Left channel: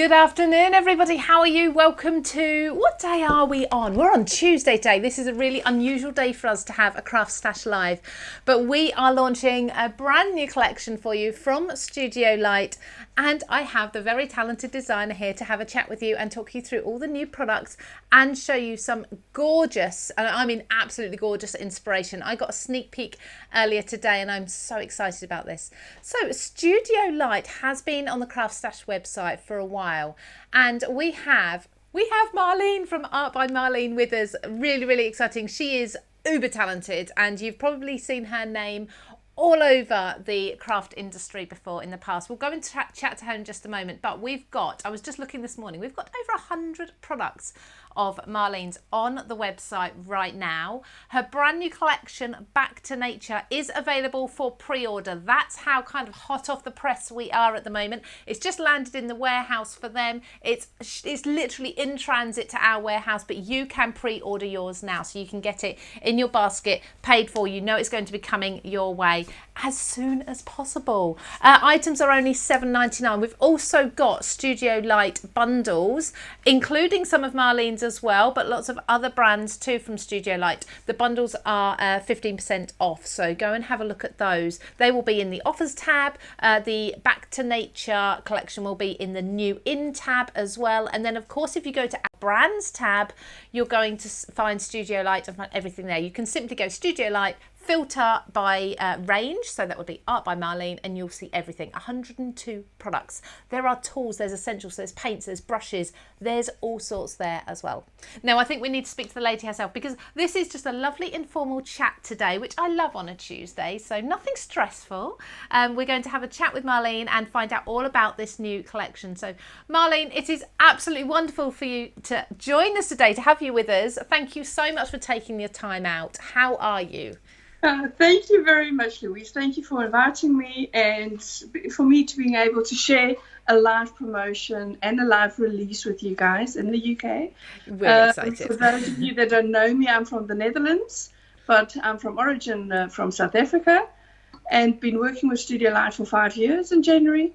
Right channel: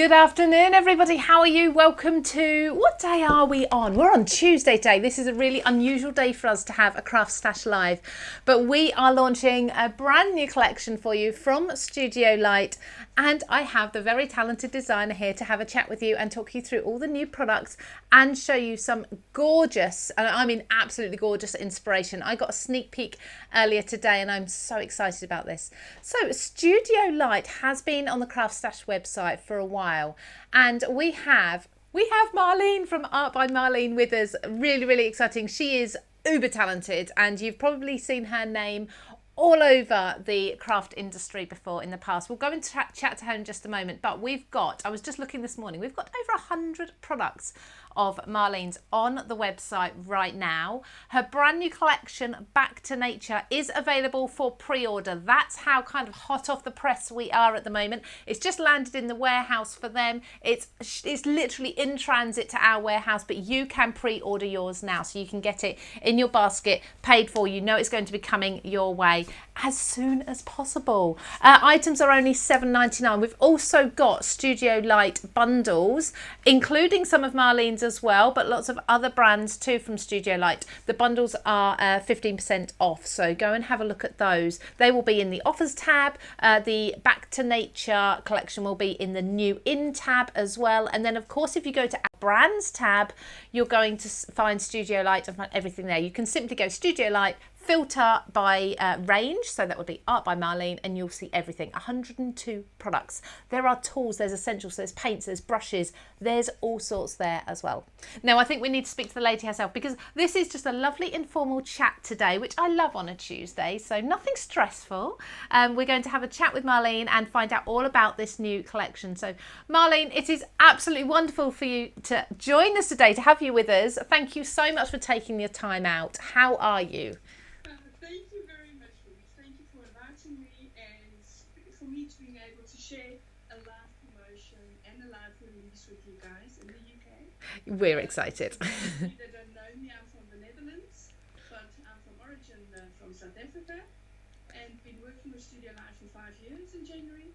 Good afternoon, everybody. How are you? Welcome to, what day are we on? We're on Tuesday day. This is a really unusual day for us to have a CraftStash live, but we are launching a brand new collection for you from Studio Light, and I have the very talented designer here to have a chat with you and talk you through all the new products and show you some gorgeous, and I mean absolutely gorgeous inspiration. I got a sneak peek earlier today and I'm so excited about this. So Studio Light has been on the CraftStash website for a while, and we have Marlene from Art by Marlene with us. Really exciting. She is uber talented, and you've probably seen her name all over the craft industry before in the past. We'll go and chat to her in just a moment, but I was just looking this morning, we've got over 100 products of Marlene's on the website right now. Her brand new collection, Back to Nature, is available for pre-order. That's how kind of hot off the press we are at the moment. It's just landed in the warehouse for them. It's literally in transit to our warehouse, but you can pre-order yours now, so you can get it in your basket, paid for. You know it's going to be coming your way as soon as possible. Items are only $7.99. We've also got Studio Light bundles, including some of Marlene's as well, but lots of other brands too from Studio Light. The bundles are 15% off, so go and have a look at those. They will be in the offers tab. The Back to Nature collection will be in the new in tab as well, and then of course if you go to our brands tab, you're going to find Studio Light and find everything there. You can simply go Studio Light, filter by range, so that would be Art by Marlene, and you'll see everything. 102 products. There are tools, there's essentials, there's paints, there's brushes, there's all sorts there as well. Now I think we need to speak to the lady herself, because this is just a lovely informal chat today, which I love on a Tuesday, so nothing stressful. We're going to have a chat with Marlene and find out all about this new collection. So Marlene, it is absolutely wonderful for you to join us today, to have you with us. Thank you so much for taking your time out. How are you? Thank you very much, Louise. Thank you for inviting me, and for me to being able to share a live promotion and a live release with you guys in the UK. We're excited. For those of you that don't know me, I'm from the Netherlands, but I'm from origin from South Africa, and been working with Studio Light for 5 years in January.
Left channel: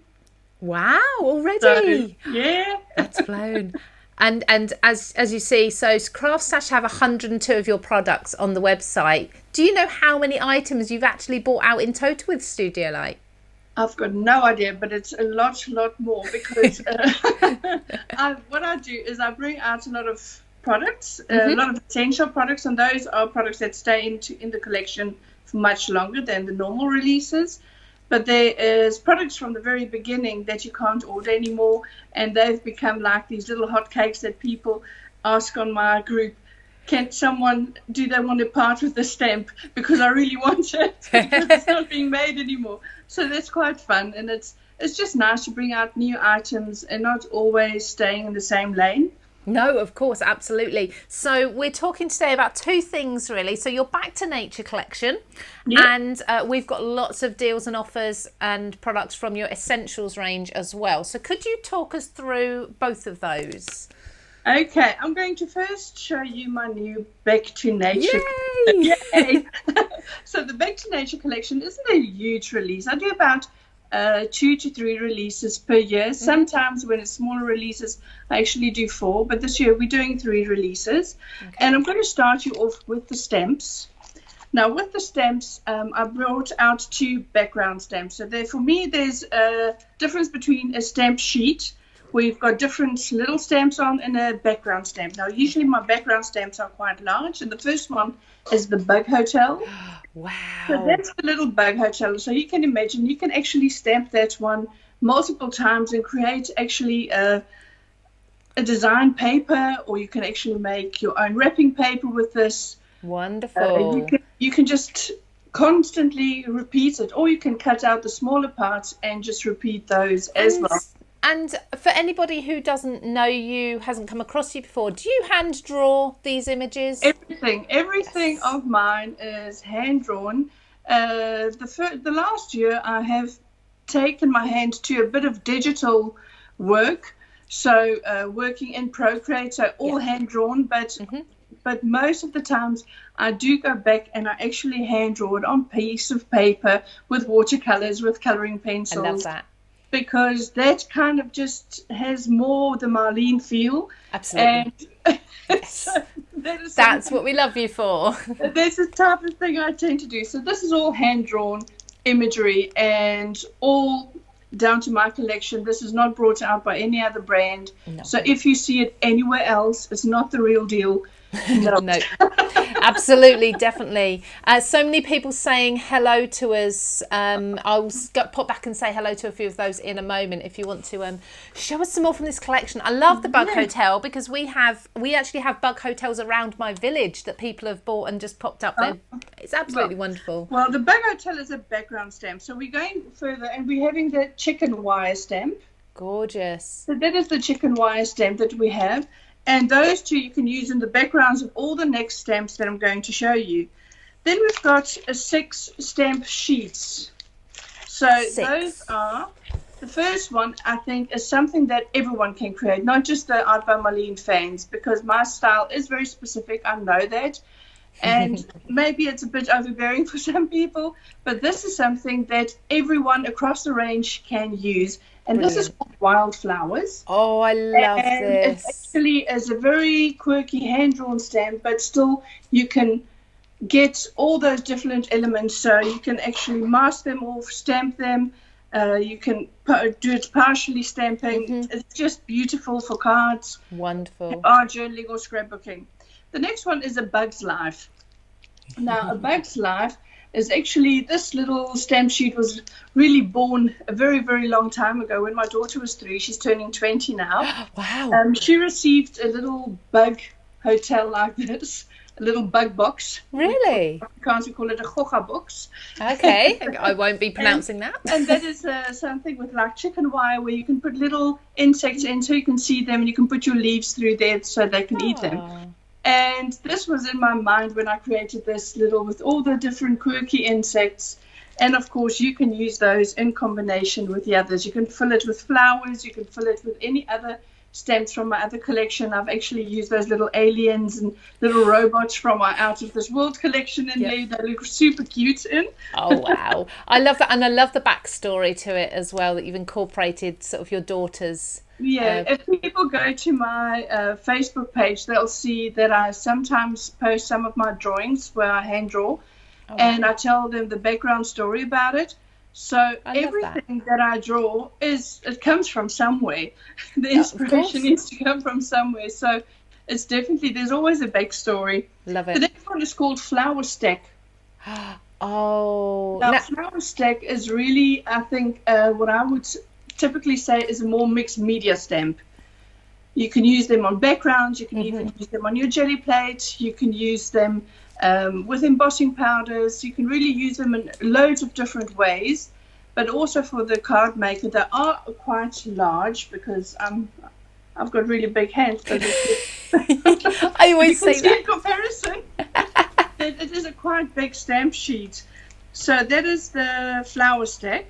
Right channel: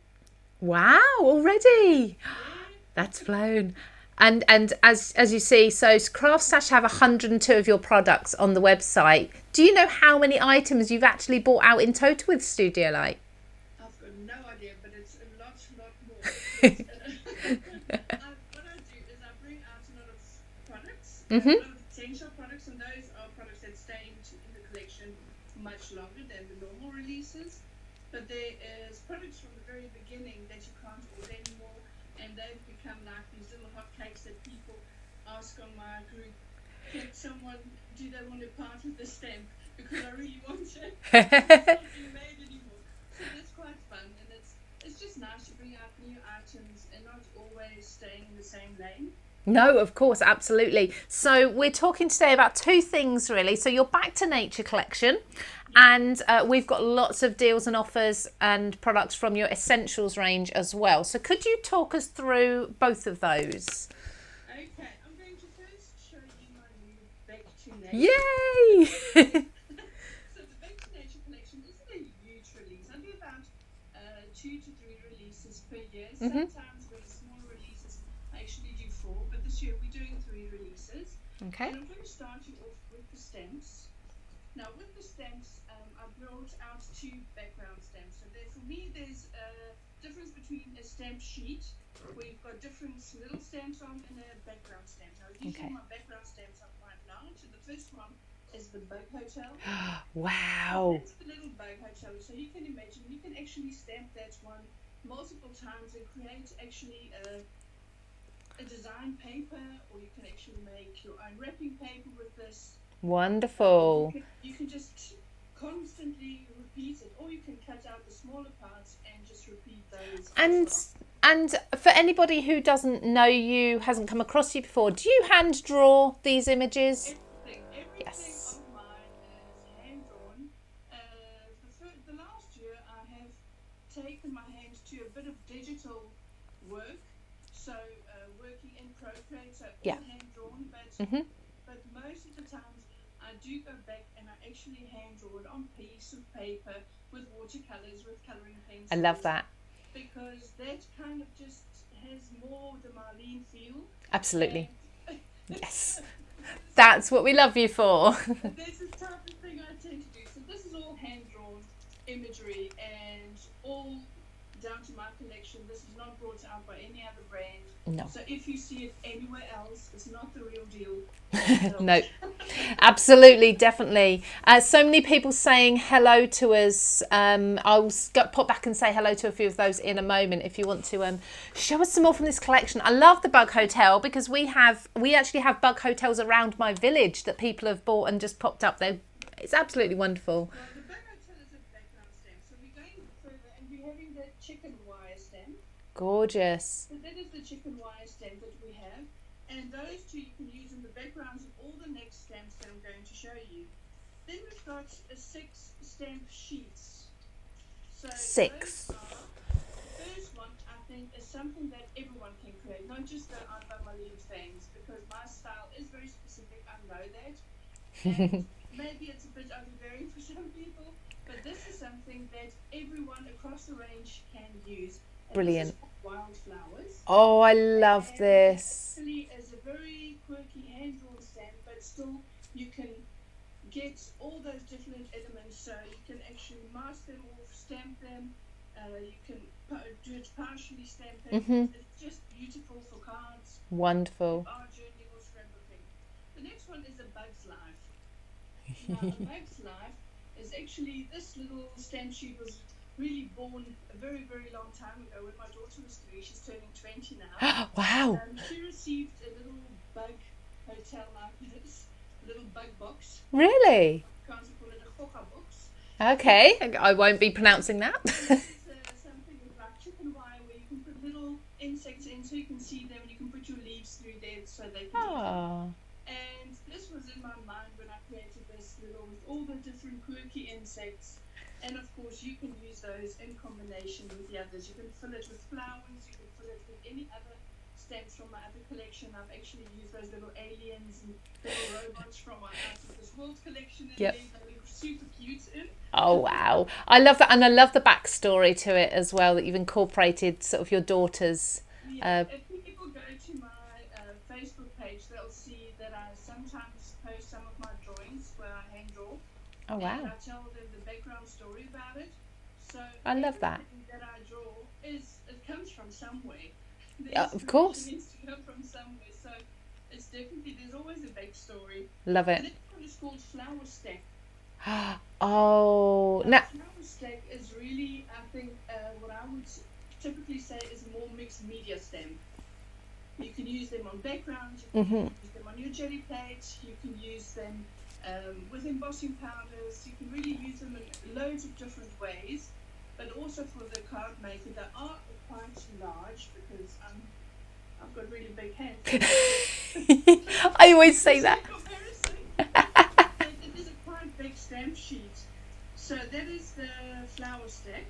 Wow, already? So, yeah. That's flown. And as you see, so CraftStash have 102 of your products on the website. Do you know how many items you've actually bought out in total with Studio Light? I've got no idea, but it's a lot more, because what I do is I bring out a lot of products, a lot of essential products, and those are products that stay in the collection for much longer than the normal releases. But there is products from the very beginning that you can't order anymore, and they've become like these little hotcakes that people ask on my group, do they want to part with the stamp, because I really want it. It's not being made anymore. So that's quite fun, and it's just nice to bring out new items and not always staying in the same lane. No, of course, absolutely. So we're talking today about two things, really. So your Back to Nature collection, and we've got lots of deals and offers and products from your Essentials range as well. So could you talk us through both of those? Okay, I'm going to first show you my new Back to Nature. Yay! Yay! So the Back to Nature collection isn't a huge release. I do about 2 to 3 releases per year. Sometimes when it's smaller releases, I actually do 4, but this year we're doing 3 releases. Okay. And I'm going to start you off with the stamps. Now with the stamps, I brought out 2 background stamps. So for me, there's a difference between a stamp sheet, where you've got different little stamps on, and a background stamp. Now usually my background stamps are quite large, and the first one is the Bug Hotel. Wow. So that's the little Bug Hotel. So you can imagine, you can actually stamp that one multiple times and create actually a design paper, or you can actually make your own wrapping paper with this. Wonderful. You can just constantly repeat it, or you can cut out the smaller parts and just repeat those as well. And for anybody who doesn't know you, hasn't come across you before, do you hand draw these images? Everything of mine is hand drawn. The last year I have taken my hand to a bit of digital work, so working in Procreate, so all hand drawn, but most of the times I do go back and I actually hand draw it on piece of paper with watercolors, with coloring pencils. I love that. because that kind of just has more the Marlene feel. Absolutely. And Yes. that's what we love you for. That's the type of thing I tend to do. So this is all hand-drawn imagery and all down to my collection. This is not brought out by any other brand. No. So if you see it anywhere else, it's not the real deal. No, absolutely, definitely. So many people saying hello to us. I'll pop back and say hello to a few of those in a moment if you want to show us some more from this collection. I love the bug hotel because we actually have bug hotels around my village that people have bought and just popped up there. It's absolutely wonderful. Well, the bug hotel is a background stamp, so we're going further and we're having the chicken wire stamp. Gorgeous. So that is the chicken wire stamp that we have. And those two you can use in the backgrounds of all the next stamps that I'm going to show you. Then we've got 6 stamp sheets. So 6. Those are, the first one I think is something that everyone can create, not just the Art by Marlene fans, because my style is very specific, I know that. And maybe it's a bit overbearing for some people, but this is something that everyone across the range can use. And Brilliant. This is called Wildflowers. Oh, I love this. It actually is a very quirky hand-drawn stamp, but still you can get all those different elements. So you can actually mask them off, stamp them. You can do it partially stamping. It's just beautiful for cards. Wonderful. Or journaling or scrapbooking. The next one is A Bug's Life. Now, A Bug's Life is actually, this little stamp sheet was really born a very, very long time ago when my daughter was 3. She's turning 20 now. Wow. She received a little bug hotel like this, a little bug box. Really? Can't we call it a goga box? Okay, I won't be pronouncing that. And that is something with like chicken wire where you can put little insects in so you can see them and you can put your leaves through there so they can eat them. And this was in my mind when I created this little with all the different quirky insects. And of course, you can use those in combination with the others. You can fill it with flowers. You can fill it with any other stamps from my other collection. I've actually used those little aliens and little robots from my Out of This World collection in there. They look super cute in. Oh, wow. I love that. And I love the backstory to it as well, that you've incorporated sort of your daughter's. Yeah, if people go to my Facebook page, they'll see that I sometimes post some of my drawings where I hand draw, and I tell them the background story about it. So everything that I draw it comes from somewhere. The inspiration needs to come from somewhere. So it's definitely, there's always a backstory. Love it. The next one is called Flower Stack. Oh. Now, Flower Stack is really, I think, what I would typically say is a more mixed media stamp. You can use them on backgrounds, you can even use them on your jelly plate, you can use them with embossing powders, you can really use them in loads of different ways, but also for the card maker. They are quite large because I've got really big hands. I always say that. In comparison, it is a quite big stamp sheet. So that is the Flower Stack.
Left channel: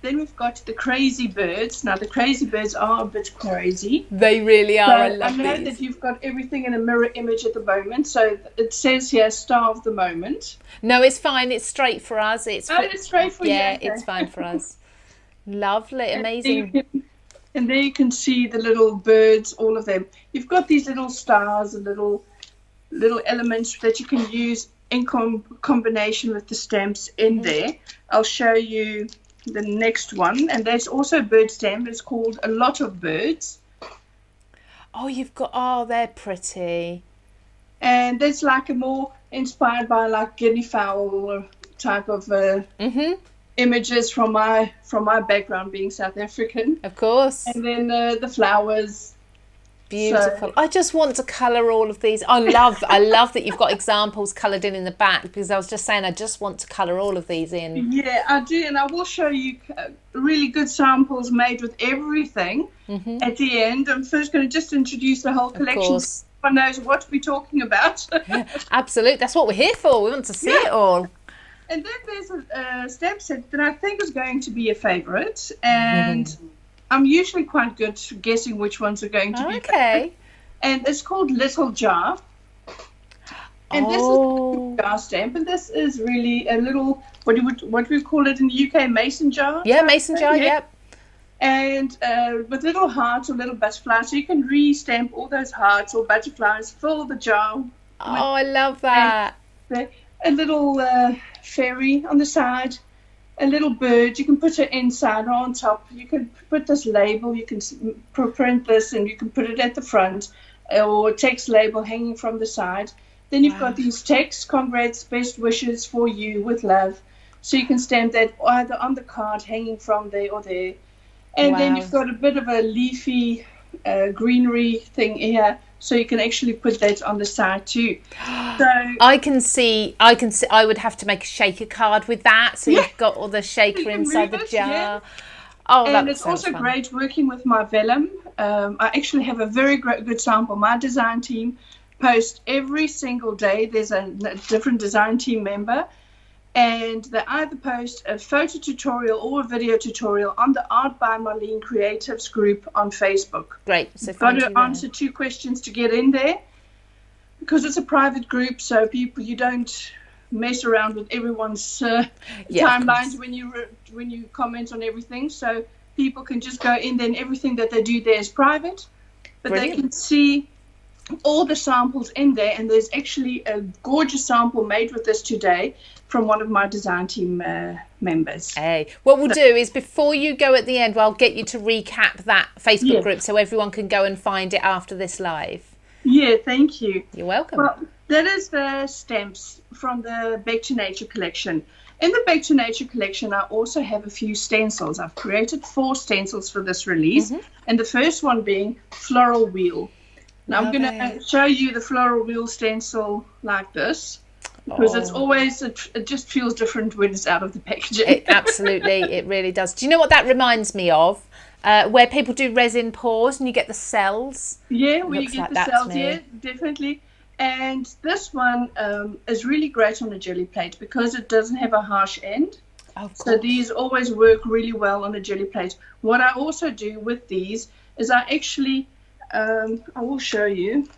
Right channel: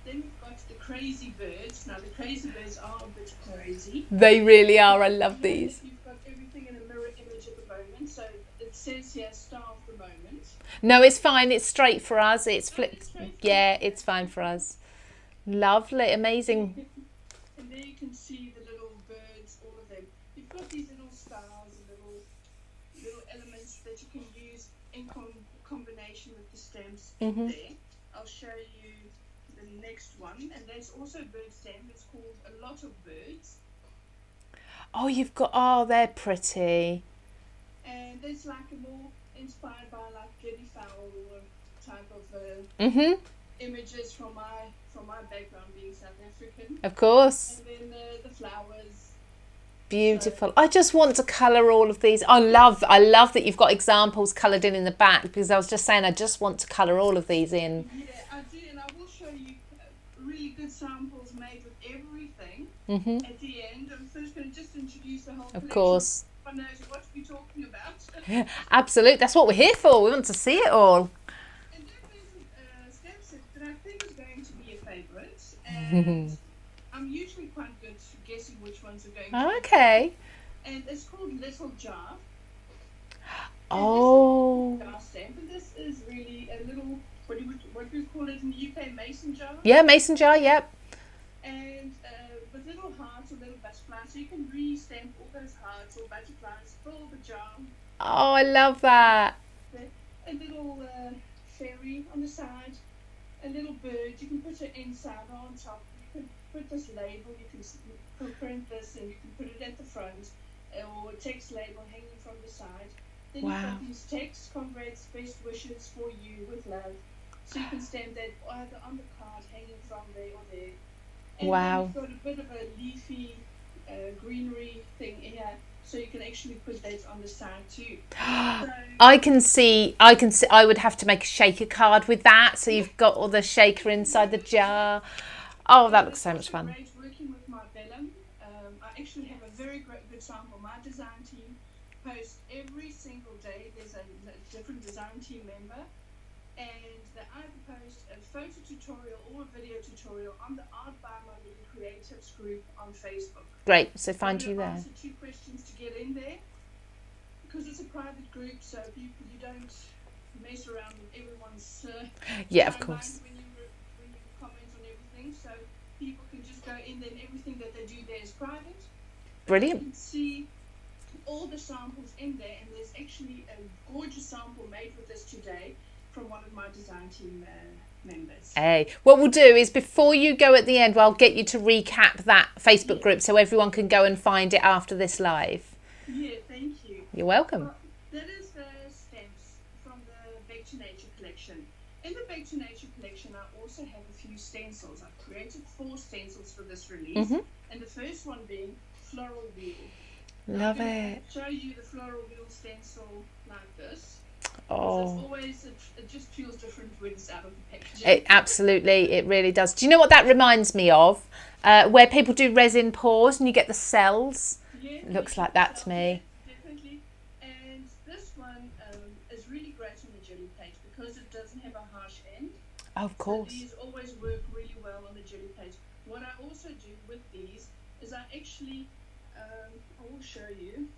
Then we've got the Crazy Birds. Now, the Crazy Birds are a bit crazy. They really are. So I love I know these. that you've got everything in a mirror image at the moment. So it says here, Star of the Moment. No, it's fine. It's straight for us. It's straight for you. Yeah, Okay. it's fine for us. Lovely. Amazing. And there you can see the little birds, all of them. You've got these little stars and little elements that you can use in combination with the stamps in there. I'll show you the next one, and there's also a bird stamp. It's called A Lot of Birds. Oh, they're pretty. And that's like a more inspired by like guinea fowl type of images from my background being South African. Of course. And then the flowers. Beautiful. I just want to colour all of these. I love that you've got examples coloured in the back, because I was just saying I just want to colour all of these in. Yeah, I do, and I will show you really good samples made with everything at the end. I'm first going to just introduce the whole collection. Of course. So everyone knows what we're talking about. Absolutely. That's what we're here for. We want to see it all. And then there's a stamp set that I think is going to be a favourite, and I'm usually quite good guessing which ones are going to be. Okay. And it's called Little Jar. And this is a jar stamp, and this is really a little, what do we call it in the UK, mason jar? Yeah, mason jar, yep. and with little hearts or little butterflies. So you can re-stamp all those hearts or butterflies, fill the jar. Oh, I love that. A little fairy on the side, a little bird. You can put it inside or on top. You can put this label. You can print this and you can put it at the front, or a text label hanging from the side. Then you've got these texts: congrats, best wishes for you with love. So you can stamp that either on the card hanging from there or there. And then you've got a bit of a leafy greenery thing here, so you can actually put that on the side too. So I can see. I would have to make a shaker card with that, so you've got all the shaker inside the jar. Oh, that looks so much fun. And it's also great working with my vellum. I actually have a very good sample. My design team posts every single day. There's a different design team member, and they either post a photo tutorial or a video tutorial on the Art by Marlene Creatives group on Facebook. Great. So you've got to answer 2 questions to get in there, because it's a private group, so you don't mess around with everyone's timelines when you comment on everything. So people can just go in there, and everything that they do there is private. But Brilliant. They can see all the samples in there, and there's actually a gorgeous sample made with this today from one of my design team members. Hey, what we'll do is, before you go at the end, I'll get you to recap that Facebook group so everyone can go and find it after this live. Yeah, thank you. You're welcome. Well, that is the stamps from the Back to Nature collection. In the Back to Nature collection, I also have a few stencils. I've created 4 stencils for this release, and the first one being Floral Wheel. Now I'm going to show you the Floral Wheel stencil like this, because it's always, it just feels different when it's out of the packaging. Absolutely, it really does. Do you know what that reminds me of? Where people do resin pours and you get the cells. Yeah, it looks like that to me. Yeah, definitely. And this one is really great on a jelly plate because it doesn't have a harsh end. Of course. So these always work really well on a jelly plate. What I also do with these is I actually, I will show you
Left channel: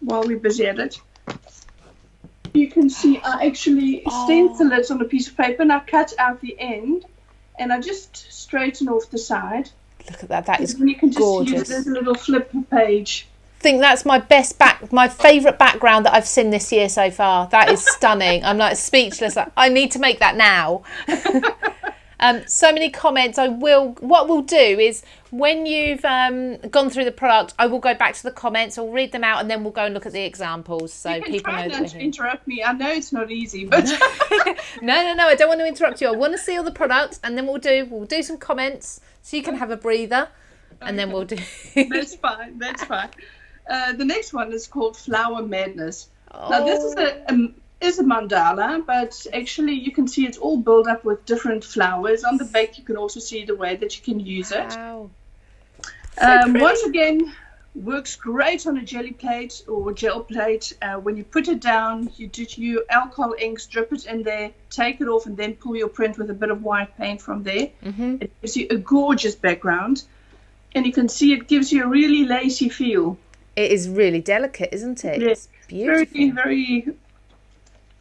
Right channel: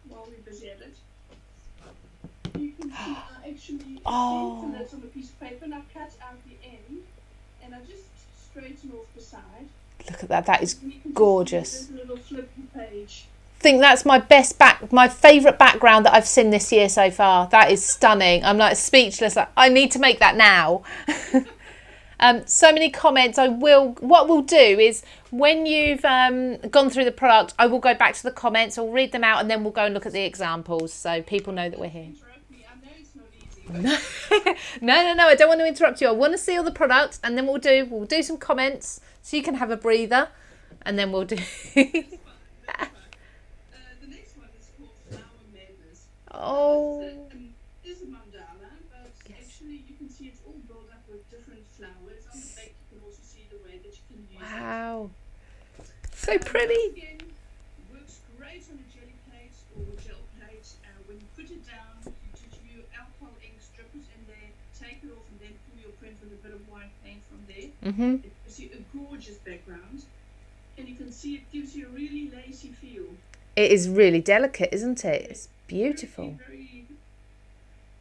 while we're busy at it. You can see I actually stencil it on a piece of paper, and I cut out the end and I just straighten off the side. Look at that, that is you can just gorgeous. There's a little flip page. I think that's my my favourite background that I've seen this year so far. That is stunning. I'm like speechless. I need to make that now. So many comments. What we'll do is, when you've gone through the product, I will go back to the comments, I'll read them out, and then we'll go and look at the examples so people know that we're here. Interrupt me. I know it's not easy, but no, I don't want to interrupt you. I want to see all the product, and then we'll do some comments so you can have a breather, and then we'll do. That's fine. The next one is called Flower Madness. Now this is a mandala, but actually you can see it's all built up with different flowers. On the back you can also see the way that you can use it. Wow. So pretty. Once again, works great on a jelly plate or gel plate. When you put it down, you do your alcohol inks, drip it in there, take it off, and then pull your print with a bit of white paint from there. It gives you a gorgeous background, and you can see it gives you a really lacy feel. It is really delicate, isn't it? Yes. It's beautiful. Very, very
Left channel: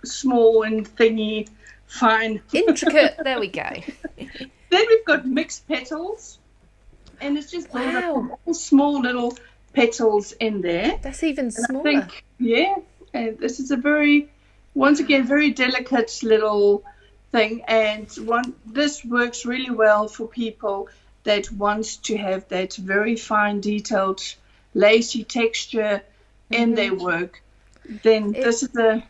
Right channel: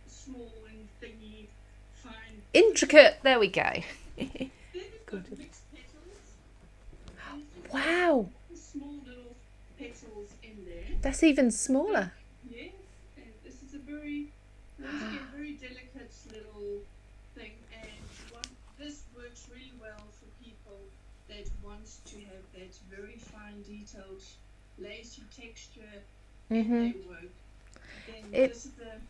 small and thingy, fine. Intricate. There we go. Then we've got mixed petals, and it's just all small little petals in there. That's even smaller. And this is a very, once again, very delicate little thing, and this works really well for people that want to have that very fine, detailed, lacy texture in their work. Then this is a.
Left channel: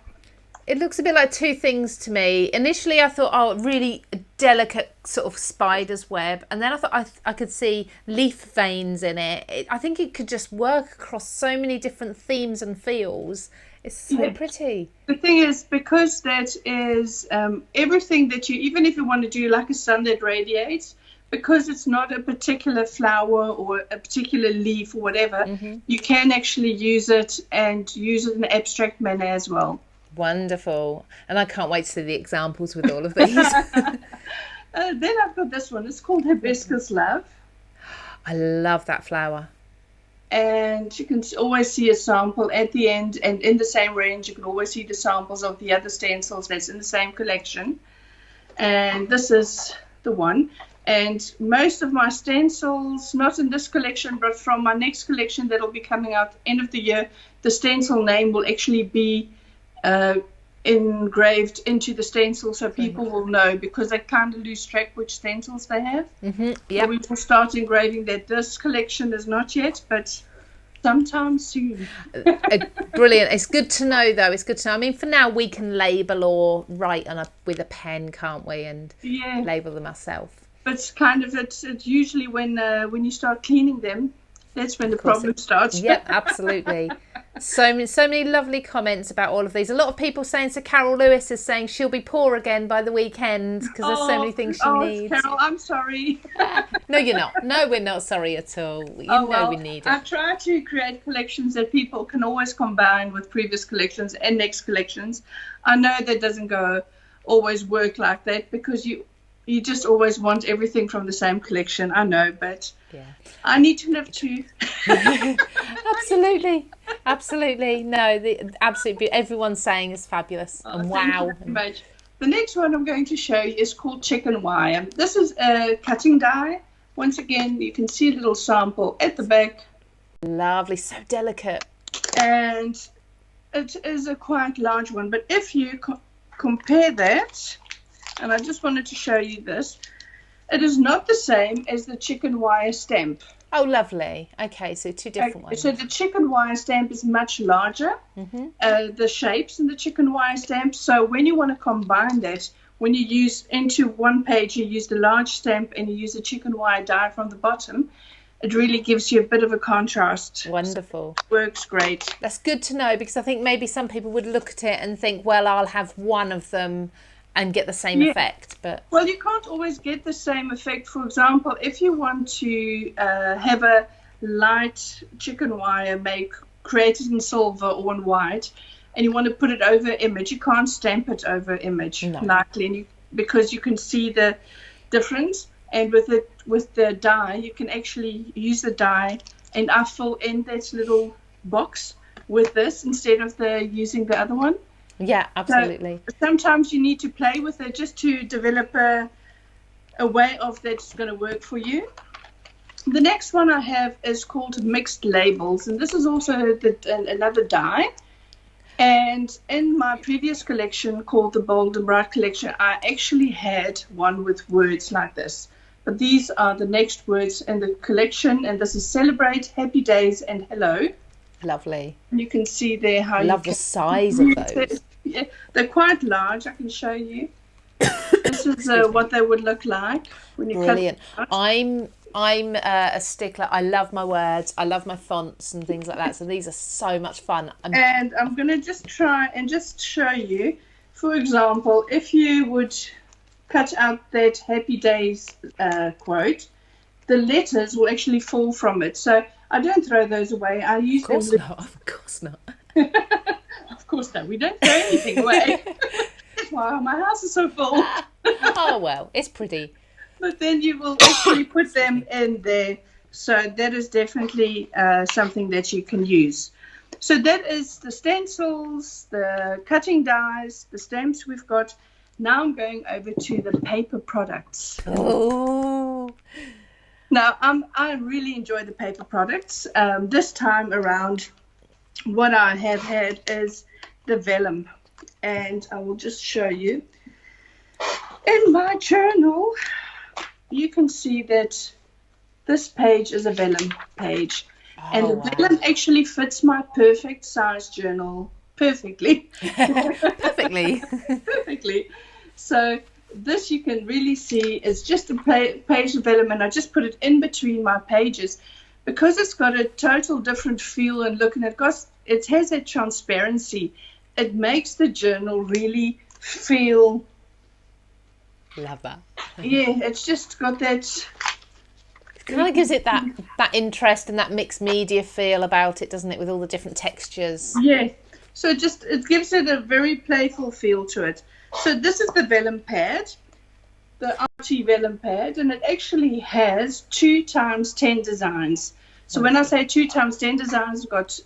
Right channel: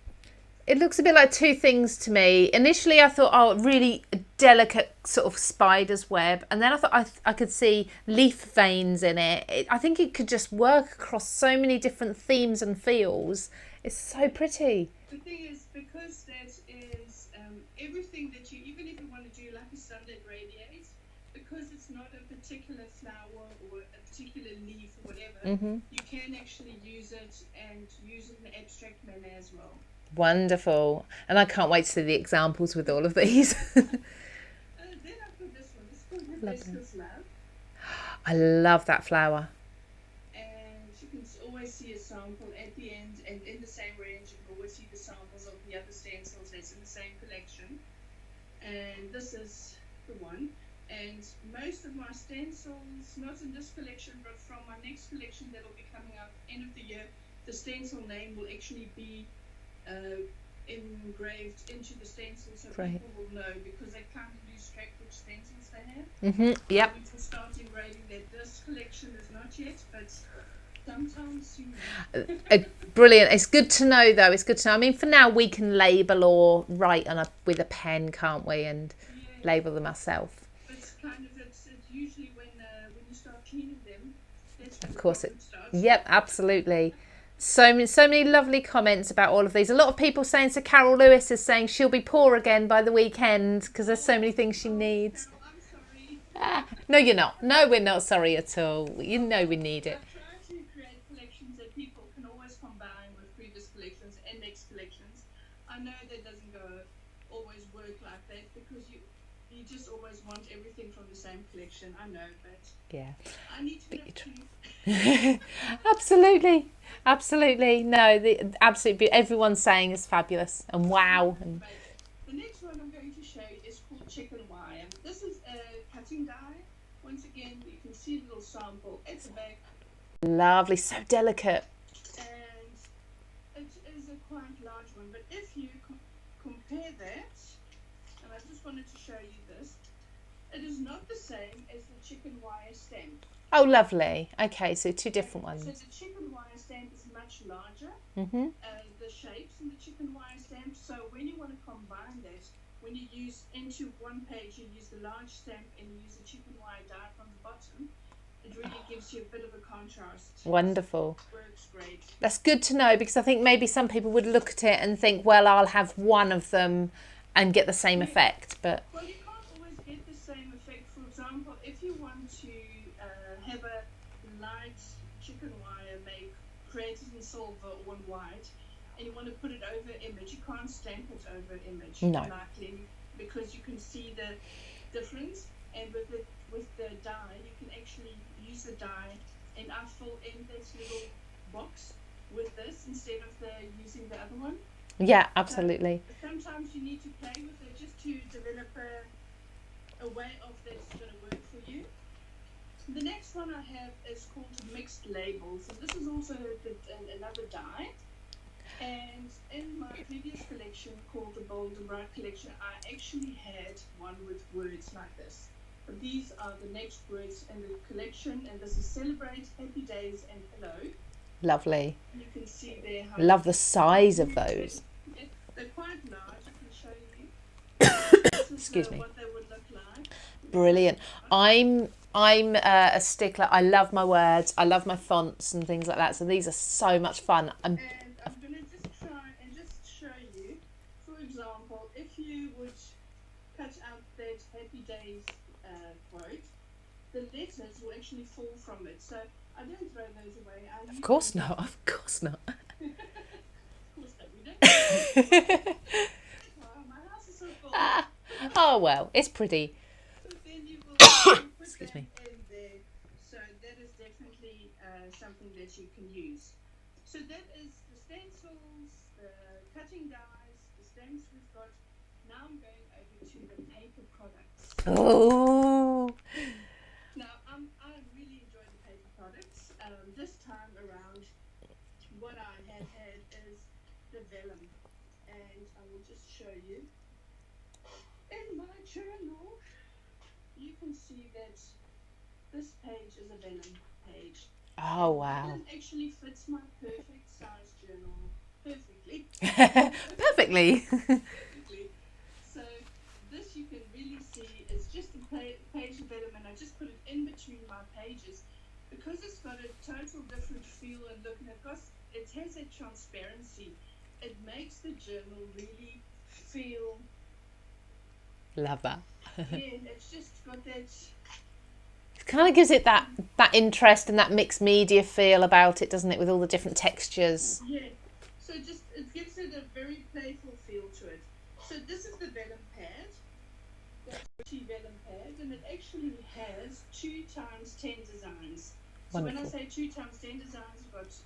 It looks a bit like two things to me. Initially, I thought, really delicate sort of spider's web. And then I thought I could see leaf veins in it. I think it could just work across so many different themes and feels. It's so pretty. The thing is, because that is everything that even if you want to do like a sun that radiates, because it's not a particular flower or a particular leaf or whatever, you can actually use it in an abstract manner as well. Wonderful. And I can't wait to see the examples with all of these. Then I've got this one. It's called Hibiscus Love. I love that flower. And you can always see a sample at the end, and in the same range you can always see the samples of the other stencils that's in the same collection. And this is the one. And most of my stencils, not in this collection, but from my next collection that'll be coming out end of the year, the stencil name will actually be engraved into the stencil, so people will know, because they kind of lose track which stencils they have. Yeah. So we will start engraving that. This collection is not yet, but sometime soon. Brilliant. It's good to know, though. It's good to know. I mean, for now, we can label or write with a pen, can't we? And label them ourselves. But it's usually when you start cleaning them, that's when the problem starts. Yep, absolutely. So many lovely comments about all of these. A lot of people saying, so Carol Lewis is saying she'll be poor again by the weekend because there's so many things she needs. Carol, I'm sorry. No, you're not. No, we're not sorry at all. You know we need it. I try to create collections that people can always combine with previous collections and next collections. I know that doesn't always work like that, because you just always want everything from the same collection. I know, but I need to live too. Absolutely. No, absolutely. Everyone's saying it's fabulous. And wow. The next one I'm going to show you is called chicken wire. This is a cutting die. Once again, you can see a little sample at the back. Lovely, so delicate. And it is a quite large one. But if you compare that, and I just wanted to show you this, it is not the same as the chicken wire stamp. Oh, lovely. Okay, so two different ones. So the chicken wire stamp is much larger, the shapes in the chicken wire stamp. So when you want to combine that, when you use into one page, you use the large stamp and you use the chicken wire die from the bottom, it really gives you a bit of a contrast. Wonderful. It works great. That's good to know, because I think maybe some people would look at it and think, well, I'll have one of them and get the same effect. But well, you can't always get the same effect. For example, if you want to have a light chicken wire created in silver or in white, and you want to put it over image, you can't stamp it over image lightly, because you can see the difference. And with the die, you can actually use the die, and I fill in that little box with this instead of using the other one. Yeah, absolutely. So sometimes you need to play with it just to develop a way of that's going to work for you. The next one I have is called mixed labels, and this is also another die. And in my previous collection called the Bold and Bright collection, I actually had one with words like this. But these are the next words in the collection, and this is celebrate, happy days, and hello. Lovely. You can see there how love the size of those. Yeah, they're quite large. I can show you. This is what they would look like when you Brilliant. cut I'm a stickler. I love my words. I love my fonts and things like that. So these are so much fun. And I'm going to just try and just show you. For example, if you would cut out that happy days quote, the letters will actually fall from it. So I don't throw those away. I use them. Of course not. Of course not. We don't throw anything away. That's why my house is so full. Oh, well, it's pretty. But then you will actually put them in there. So that is definitely something that you can use. So that is the stencils, the cutting dies, the stamps we've got. Now I'm going over to the paper products. Oh. Now, I really enjoy the paper products. This time around, what I have had is the vellum. And I will just show you. In my journal, you can see that this page is a vellum page. Oh, and the vellum actually fits my perfect size journal perfectly. Perfectly. So this you can really see is just a page of vellum, and I just put it in between my pages because it's got a total different feel and look, and it has that transparency. It makes the journal really feel. Love that. Yeah, it's just got that. It kind of gives it that interest and that mixed media feel about it, doesn't it, with all the different textures? Yeah. So it gives it a very playful feel to it. So this is the Vellum Pad, the Arty Vellum Pad, and it actually has 2 times 10 designs. So when I say 2 times 10 designs, we've got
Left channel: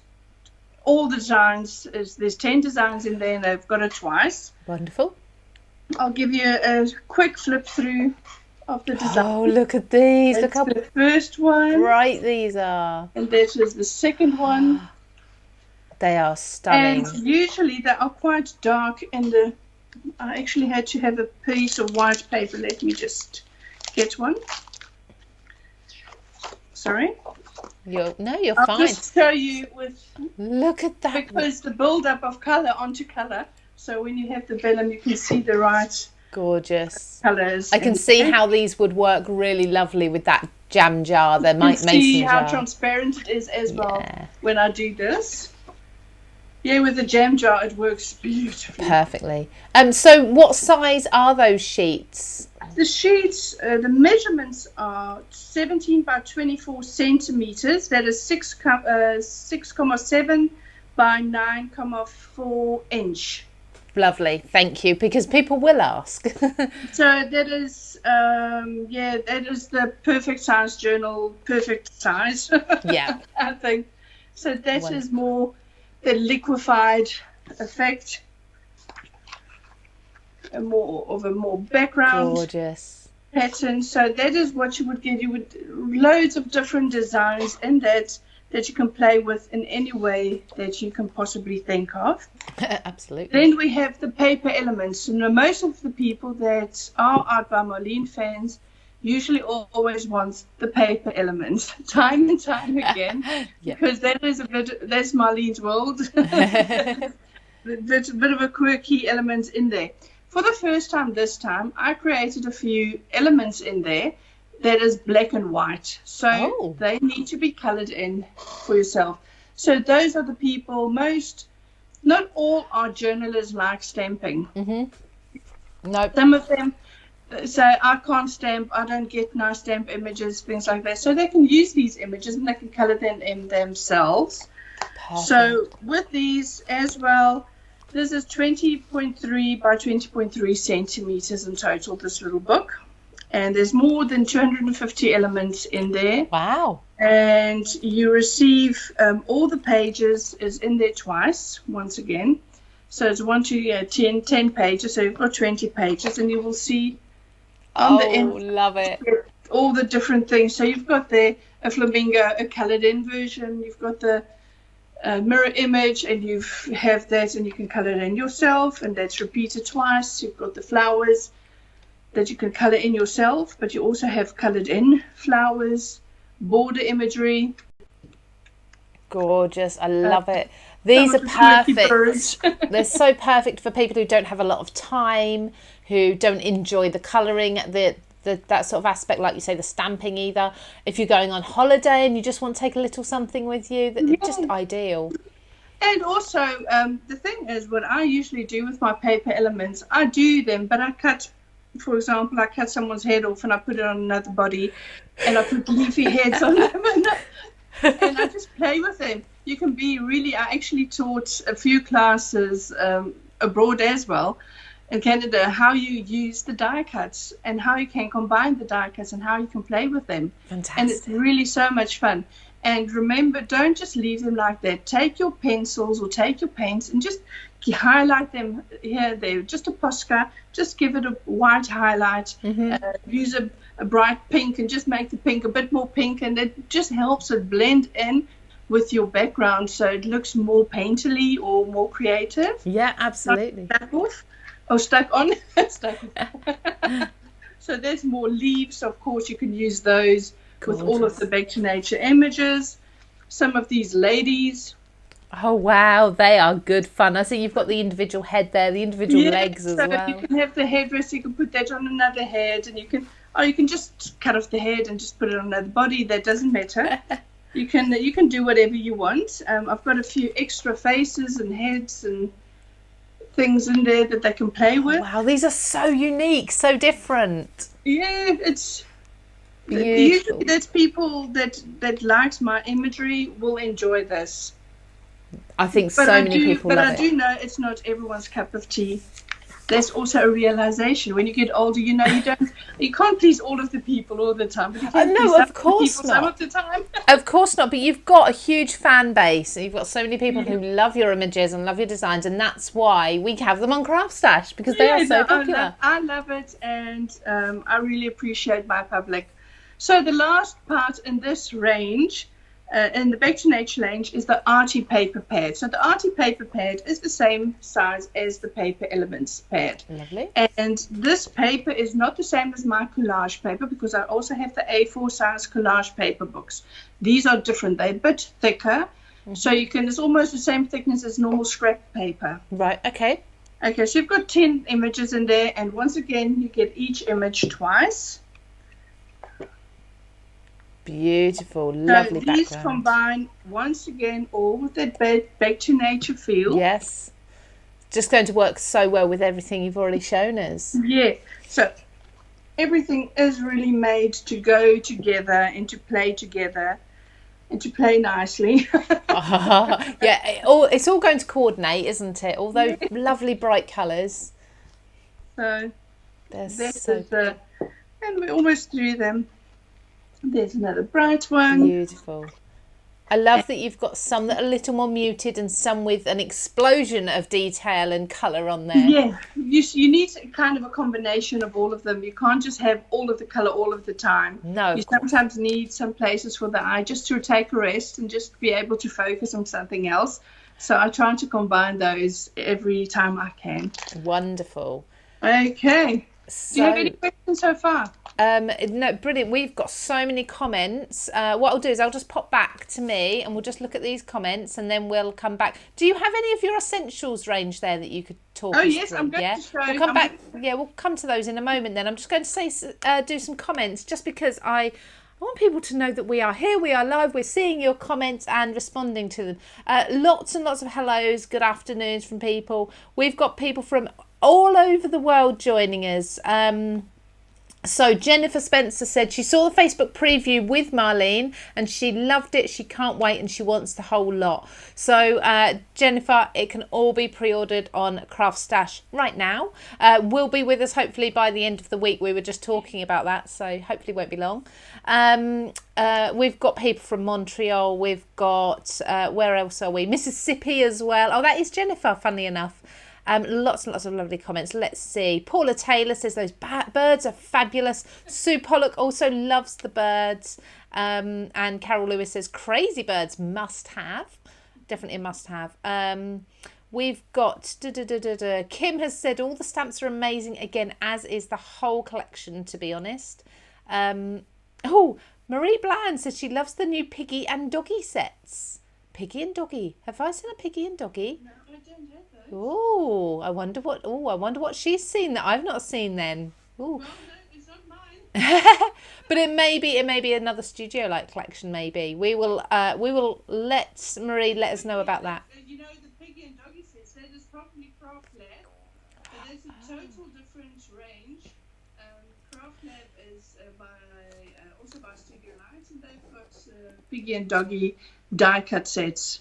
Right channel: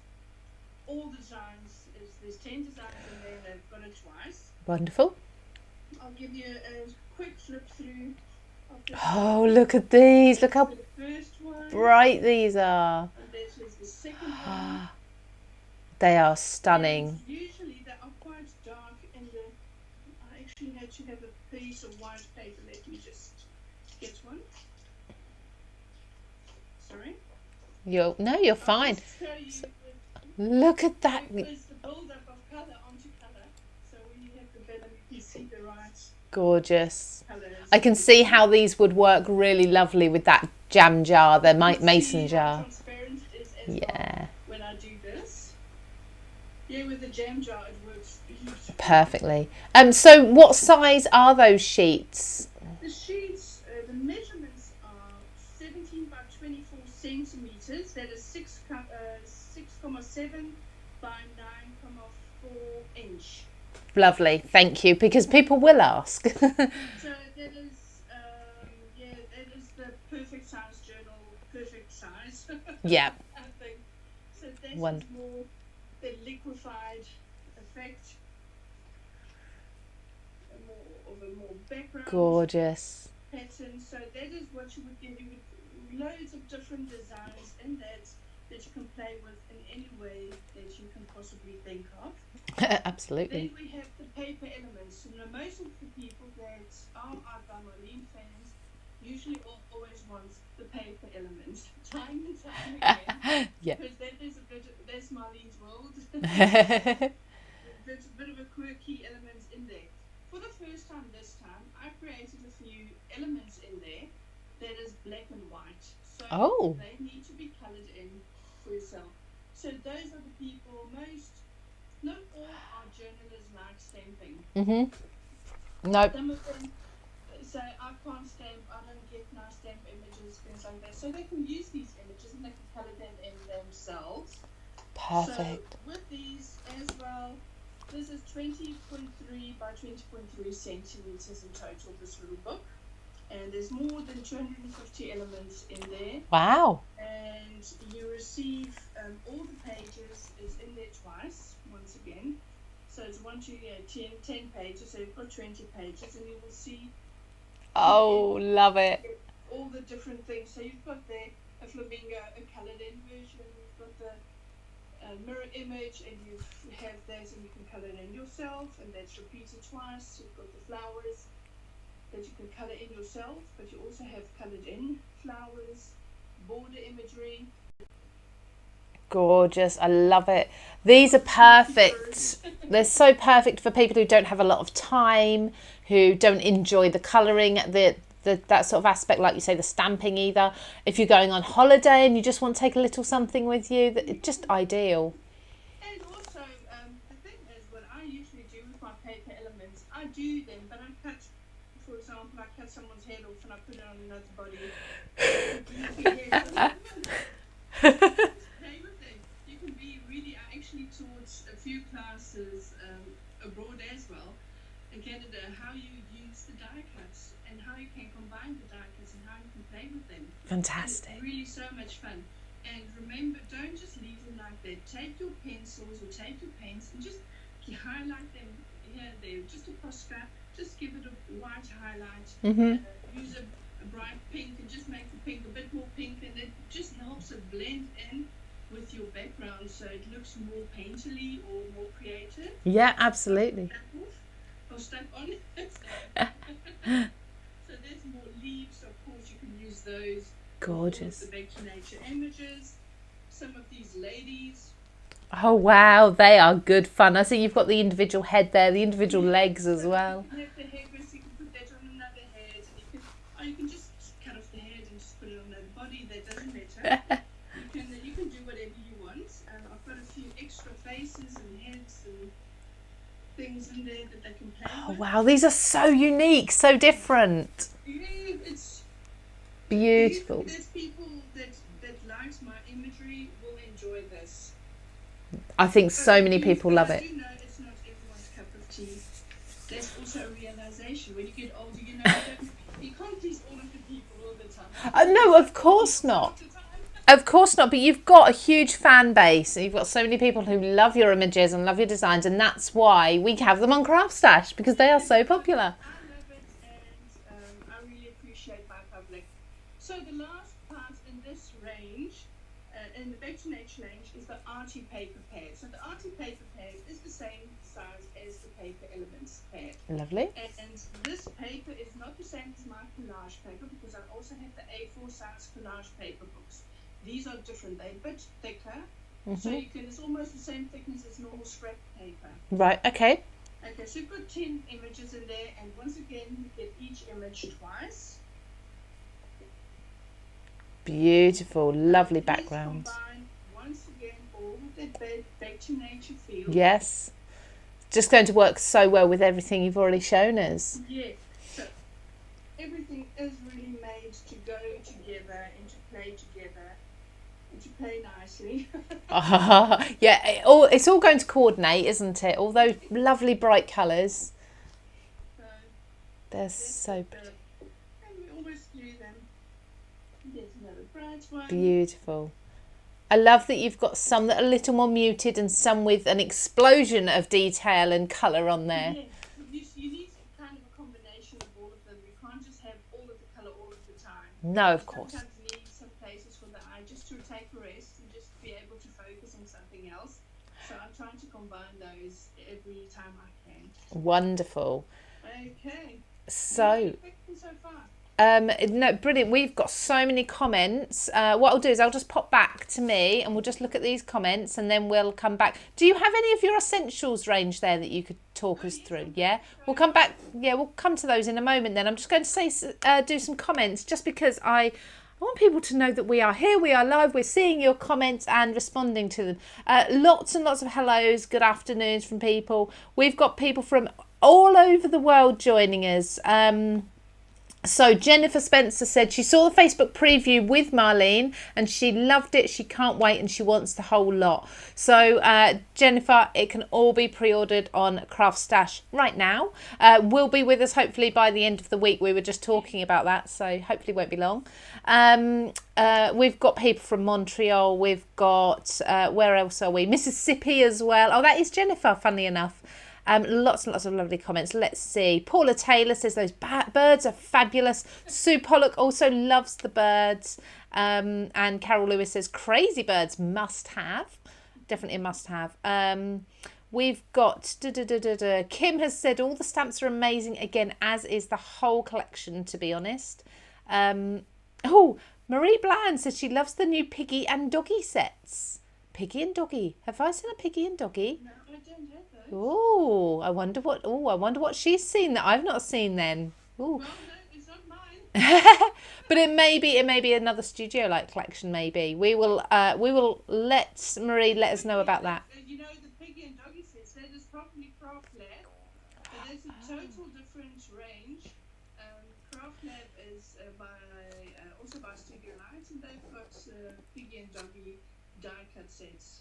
all the designs. There's 10 designs in there, and they've got it twice. Wonderful. I'll give you a quick flip through of the design. Oh, look at these. Look That's how the first one. bright these are. And this is the second one. They are stunning. And usually they are quite dark in the... I actually had to have a piece of white paper. Let me just get one. Sorry. You're I'll fine. just show you with... Look at that. Because the build-up of colour onto colour. So when you have the vellum, you can see the right Gorgeous. colours. I can see how these would work really lovely with that jam jar, the mason see how jar. transparent it is as well Yeah. when I do this. Yeah, with the jam jar, it works beautifully. Perfectly. So what size are those sheets? The sheets, the measurements are 17 by 24 centimeters. That is 6,7 by 9,4 inch. Lovely, thank you, because people will ask. So that is, that is the perfect size journal, perfect size. Yeah. I think. So that Wonderful. is more the liquefied effect. A more background Gorgeous. pattern. So that is what you would get. You would loads of different designs in that you can play with in any way that you can possibly think of. Absolutely. Then we have the paper elements. You know, most of the people that are Art by Marlene fans usually always want the paper elements, time and time again, Yeah. because that's Marlene's world. There's a bit of a quirky element in there. For the first time this time, I created a few elements in there that is black and white. So they need to be colored in for yourself. So those are the people not all our journalists like stamping. Mm-hmm. No. Some of them say, I can't stamp, I don't get nice stamp images, things like that. So they can use these images and they can color them in themselves. Perfect. So with these as well, this is 20.3 by 20.3 centimeters in total, this little book. And there's more than 250 elements in there. Wow. And you receive all the pages is in there twice, once again. So it's 10 pages. So you've got 20 pages, and you will see on the end, love it. all the different things. So you've got there a flamingo, a colored in version. You've got the mirror image, and you have that, and you can color it in yourself, and that's repeated twice. You've got the flowers that you can color in yourself, but you also have colored in flowers, border imagery. Gorgeous. I love it. These are perfect. They're so perfect for people who don't have a lot of time, who don't enjoy the colouring, that sort of aspect, like you say, the stamping either. If you're going on holiday and you just want to take a little something with you, it's just ideal. And also, the thing is, what I usually do with my paper elements, I do them, but I cut, for example, I cut someone's head off and I put it on another body, and I put leafy heads on them, and I just play with them. You can be really, I actually taught a few classes abroad as well, in Canada, how you use the die cuts and how you can combine the die cuts and how you can play with them. Fantastic. And it's really so much fun. And remember, don't just leave them like that. Take your pencils or take your paints and just highlight them here, there. Just a Posca, just give it a white highlight. Use a bright pink and just make the pink a bit more pink, and it just helps it blend in with your background so it looks more painterly or more creative. Yeah, absolutely. Stuck on. So there's more leaves. Of course, you can use those. Gorgeous. With all of the Back to Nature images. Some of these ladies. Oh, wow. They are good fun. I see you've got the individual head there, the individual legs as well. You can have the headdress. You can put that on another head, and you can just cut off the head and just put it on another body. That doesn't matter. You can do whatever you want. I've got a few extra faces and heads and things in there that they can play with. Wow, these are so unique, so different. Yeah, it's beautiful. Usually there's people that likes my imagery will enjoy this. I think so many people love it. But I do know it's not everyone's cup of tea. there's also a realization when you get older, you can't please all of the people all the time. No, of course not. Some of the time. Of course not, but you've got a huge fan base. You've got so many people who love your images and love your designs, and that's why we have them on CraftStash, because they are so popular. I love it, and I really appreciate my public. So the last part in this range, in the Back to Nature range, is the Arty Paper Pad. So the Arty Paper Pad is the same size as the Paper Elements pad. Lovely. And this paper is not the same as my collage paper, because I also have the A4 size collage paper books. These are different. They're a bit thicker. So it's almost the same thickness as normal scrap paper. Right, okay. Okay, so you've got 10 images in there, and once again, you get each image twice. Beautiful, lovely these background. These combine, once again, all with that Back to Nature feel. Yes. Just going to work so well with everything you've already shown us. Yeah, so everything is really made to go together and to play together and to play nicely. Yeah, it's all going to coordinate, isn't it? All those lovely bright colours. So they're so and we're almost through them. There's another bright one. Beautiful. I love that you've got some that are a little more muted and some with an explosion of detail and colour on there. Yeah, you need kind of a combination of all of them. You can't just have all of the colour all of the time. No, you sometimes need some places for the eye just to take a rest and just be able to focus on something else. So I try to combine those every time I can. Wonderful. Okay. So, do you have any questions so far? No, brilliant. We've got so many comments. What I'll do is I'll just pop back to me and we'll just look at these comments and then we'll come back. Do you have any of your essentials range there that you could talk us through? I'm going to show we'll come back. Yeah, we'll come to those in a moment then. I'm just going to do some comments just because I want people to know that we are here, we are live, we're seeing your comments and responding to them. Lots and lots of hellos, good afternoons from people. We've got people from all over the world joining us. So Jennifer Spencer said she saw the Facebook preview with Marlene and she loved it. She can't wait and she wants the whole lot. So Jennifer, it can all be pre-ordered on CraftStash right now. Will be with us hopefully by the end of the week. We were just talking about that, so hopefully it won't be long. We've got people from Montreal. We've got, where else are we? Mississippi as well. Oh, that is Jennifer, funnily enough. Lots and lots of lovely comments. Let's see. Paula Taylor says those birds are fabulous. Sue Pollock also loves the birds. And Carol Lewis says crazy birds must have. Definitely a must have. We've got Kim has said all the stamps are amazing again, as is the whole collection, to be honest. Marie Bland says she loves the new Piggy and Doggy sets. Piggy and Doggy. Have I seen a Piggy and Doggy? No, I don't have those. Oh, I wonder what she's seen that I've not seen then. Ooh. Well, no, it's not mine. But it may be another Studio Light collection. Maybe we will let Marie let us know about that. You know, the Piggy and Doggy sets, that is probably Craft Lab. So there's a total different range. Craft Lab is also by Studio Light, and they've got Piggy and Doggy die cut sets.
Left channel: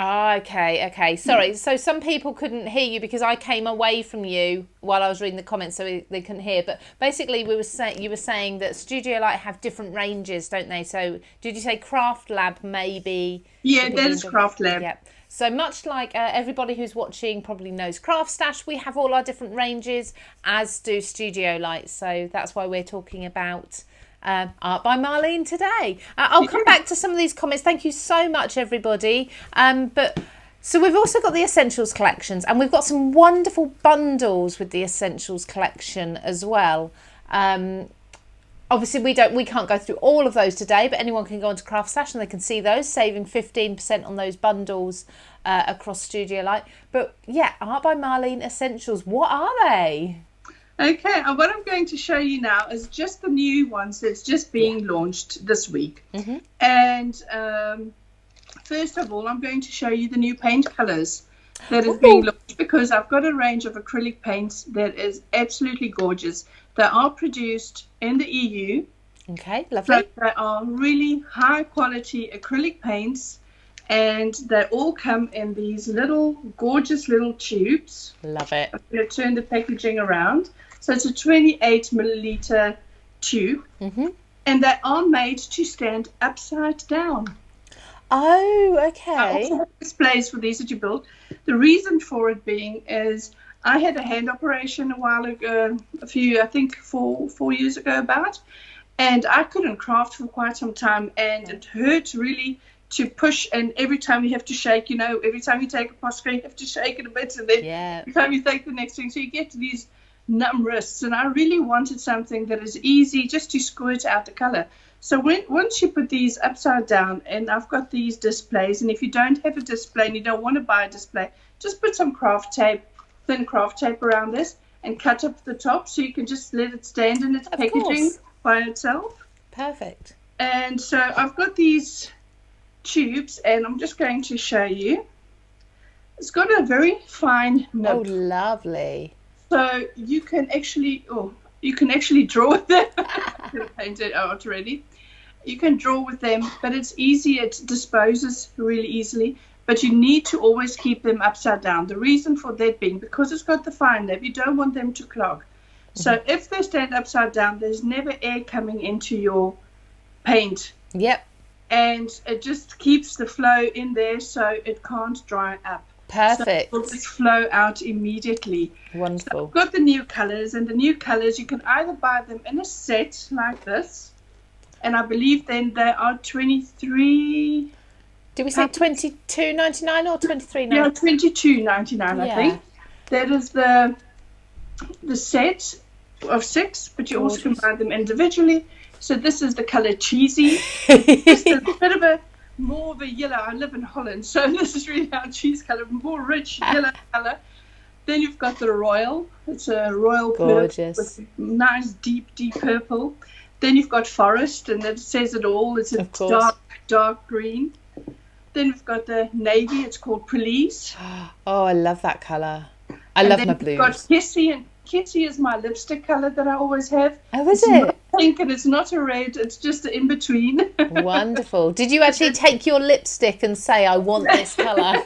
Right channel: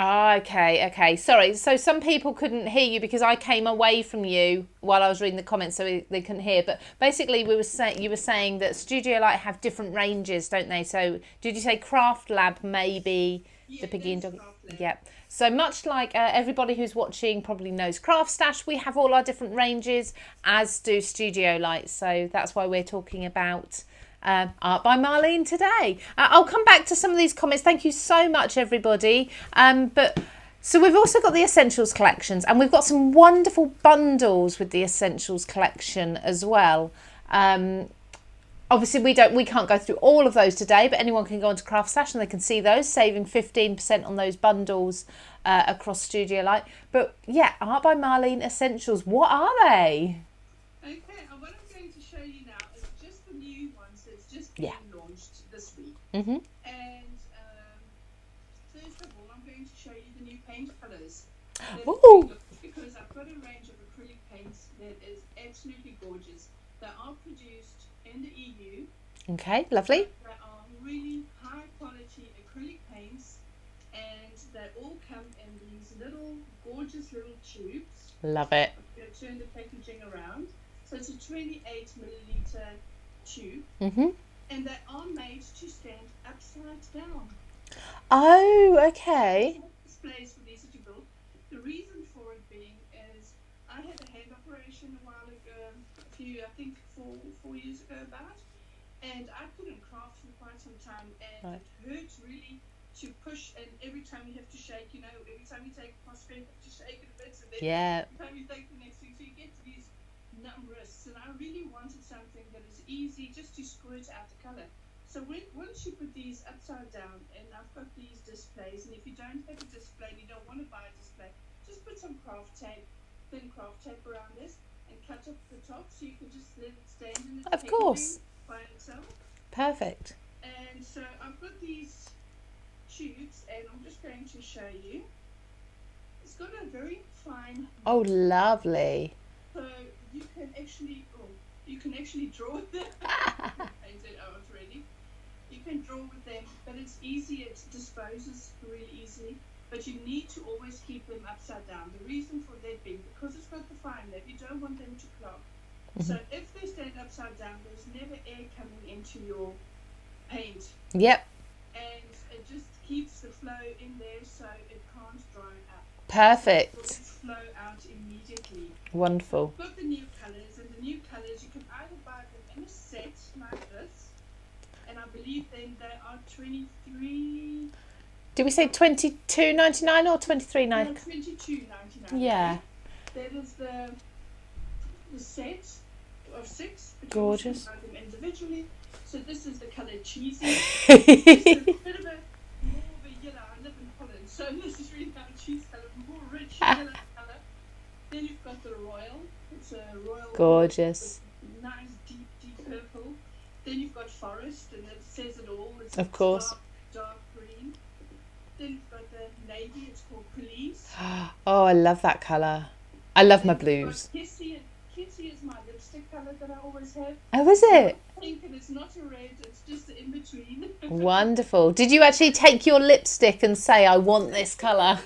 Okay. Sorry. So some people couldn't hear you because I came away from you while I was reading the comments, so they couldn't hear. But basically, you were saying that Studio Light have different ranges, don't they? So did you say Craft Lab maybe? Yeah, that is Craft Lab. Yeah. So much like everybody who's watching probably knows CraftStash, we have all our different ranges, as do Studio Light. So that's why we're talking about Art by Marlene today. I'll come back to some of these comments. Thank you so much, everybody. So we've also got the Essentials collections, and we've got some wonderful bundles with the Essentials collection as well. Obviously, we can't go through all of those today, but anyone can go onto CraftStash and they can see those, saving 15% on those bundles across Studio Light. But yeah, Art by Marlene Essentials, what are they? Okay, what I'm going to show you now is just the new ones that's just being launched this week. Mm-hmm. And first of all, I'm going to show you the new paint colors that is being launched, because I've got a range of acrylic paints that is absolutely gorgeous. They are produced in the EU. Okay, lovely. So they are really high quality acrylic paints, and they all come in these little gorgeous little tubes. Love it. I'm going to turn the packaging around. So it's a 28 milliliter tube, and they are made to stand upside down. Oh, I okay. also have displays for these that you build. The reason for it being is I had a hand operation a while ago, I think 4 years ago about, and I couldn't craft for quite some time, and it hurt really to push, and every time you have to shake, every time you take a posca, you have to shake it a bit, and then every time you take the next thing, so you get these numb wrists, and I really wanted something that is easy just to squirt out the color. So once you put these upside down, and I've got these displays, and if you don't have a display and you don't want to buy a display, just put some thin craft tape around this and cut up the top so you can just let it stand in its packaging by itself. Perfect. And so I've got these tubes, and I'm just going to show you. It's got a very fine nib. Oh, lovely. So you can actually draw with them. I'm going to paint it out already. You can draw with them, but it's easy. It disposes really easily. But you need to always keep them upside down. The reason for that being, because it's got the fine nib, you don't want them to clog. So if they stand upside down, there's never air coming into your paint. Yep. And it just keeps the flow in there so it can't dry up. Perfect. So it will just flow out immediately. Wonderful. So I've got the new colors, and the new colors, you can either buy them in a set like this, and I believe then they are 23. Did we say $22.99 or $23.99? Yeah, $22.99, I think. That is the set of 6, but you also can buy them individually. So this is the color Cheesy. It's a bit of more of a yellow. I live in Holland, so this is really our cheese color, more rich yellow color. Then you've got the Royal. It's a Royal gorgeous purple with nice deep purple. Then you've got Forest, and that says it all. It's a dark green. Then we've got the Navy. It's called Police. Oh, I love that color. I love my blues. Got Kissy, and Kissy is my lipstick color that I always have. Oh, is it? It's not pink and it's not a red. It's just in between. Wonderful. Did you actually take your lipstick and say, I want this color?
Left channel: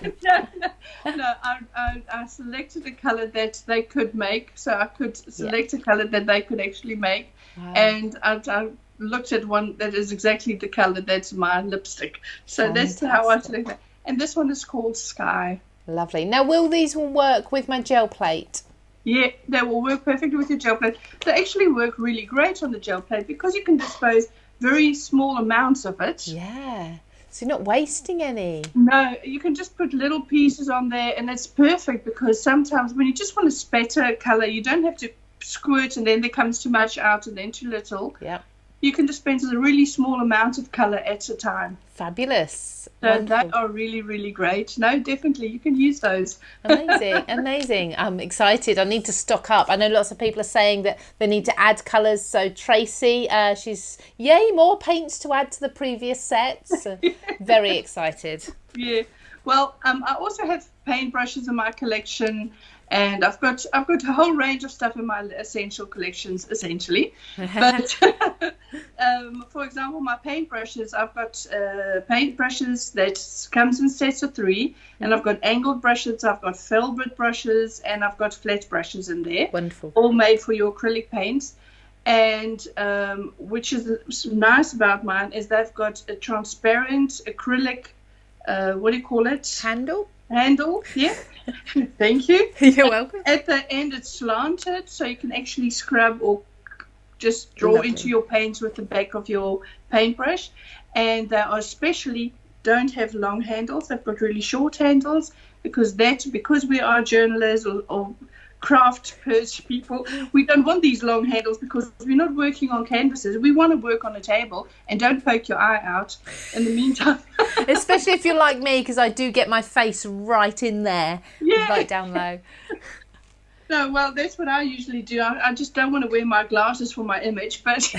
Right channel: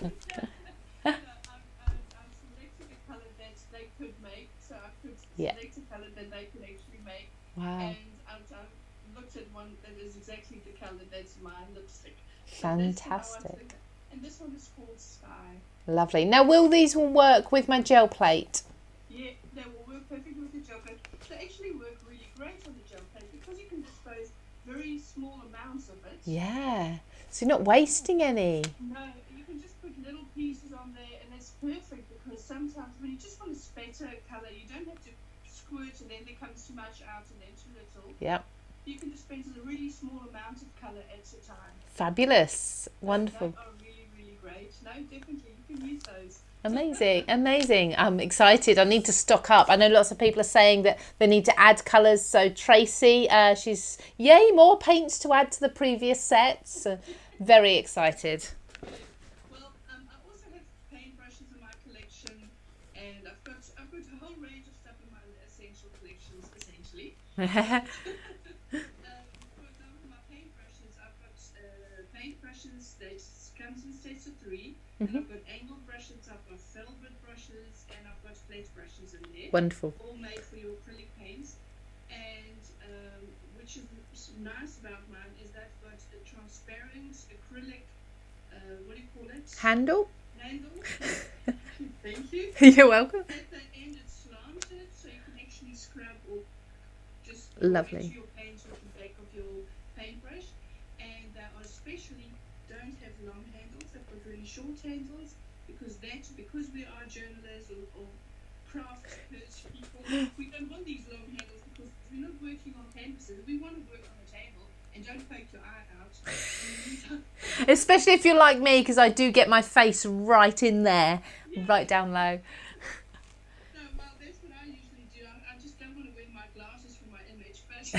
No, I selected a color that they could make. So I could select a color that they could actually make. Wow. And I looked at one that is exactly the color that's my lipstick. So Fantastic. That's how I select it. And this one is called Sky. Lovely. Now, will these work with my gel plate? Yeah, they will work perfectly with your gel plate. They actually work really great on the gel plate because you can dispose very small amounts of it. Yeah. So you're not wasting any. No, you can just put little pieces on there, and it's perfect because sometimes when you just want to spatter a color, you don't have to squirt and then there comes too much out and then too little. Yeah. You can dispense a really small amount of color at a time. Fabulous. So wonderful. They are really, really great. No, definitely, you can use those. Amazing. I'm excited. I need to stock up. I know lots of people are saying that they need to add colours. So Tracy, she's, more paints to add to the previous sets. Very excited. Yeah. Well, I also have paintbrushes in my collection. And I've got a whole range of stuff in my essential collections, essentially. But for example, my paintbrushes, I've got paintbrushes that comes in sets of 3, and I've got angled brushes, I've got filbert brushes, and I've got flat brushes in there. Wonderful. All made for your acrylic paints. And which is nice about mine is they've got a transparent acrylic, what do you call it? Handle, yeah. Thank you. You're welcome. At the end it's slanted so you can actually scrub or just draw into your paints with the back of your paintbrush. And they are especially don't have long handles. They've got really short handles because we are journalists or craft people, we don't want these long handles because we're not working on canvases. We want to work on a table, and don't poke your eye out in the meantime. Especially if you're like me, because I do get my face right in there, right down low. No, well, that's what I usually do. I just don't want to wear my glasses for my image, but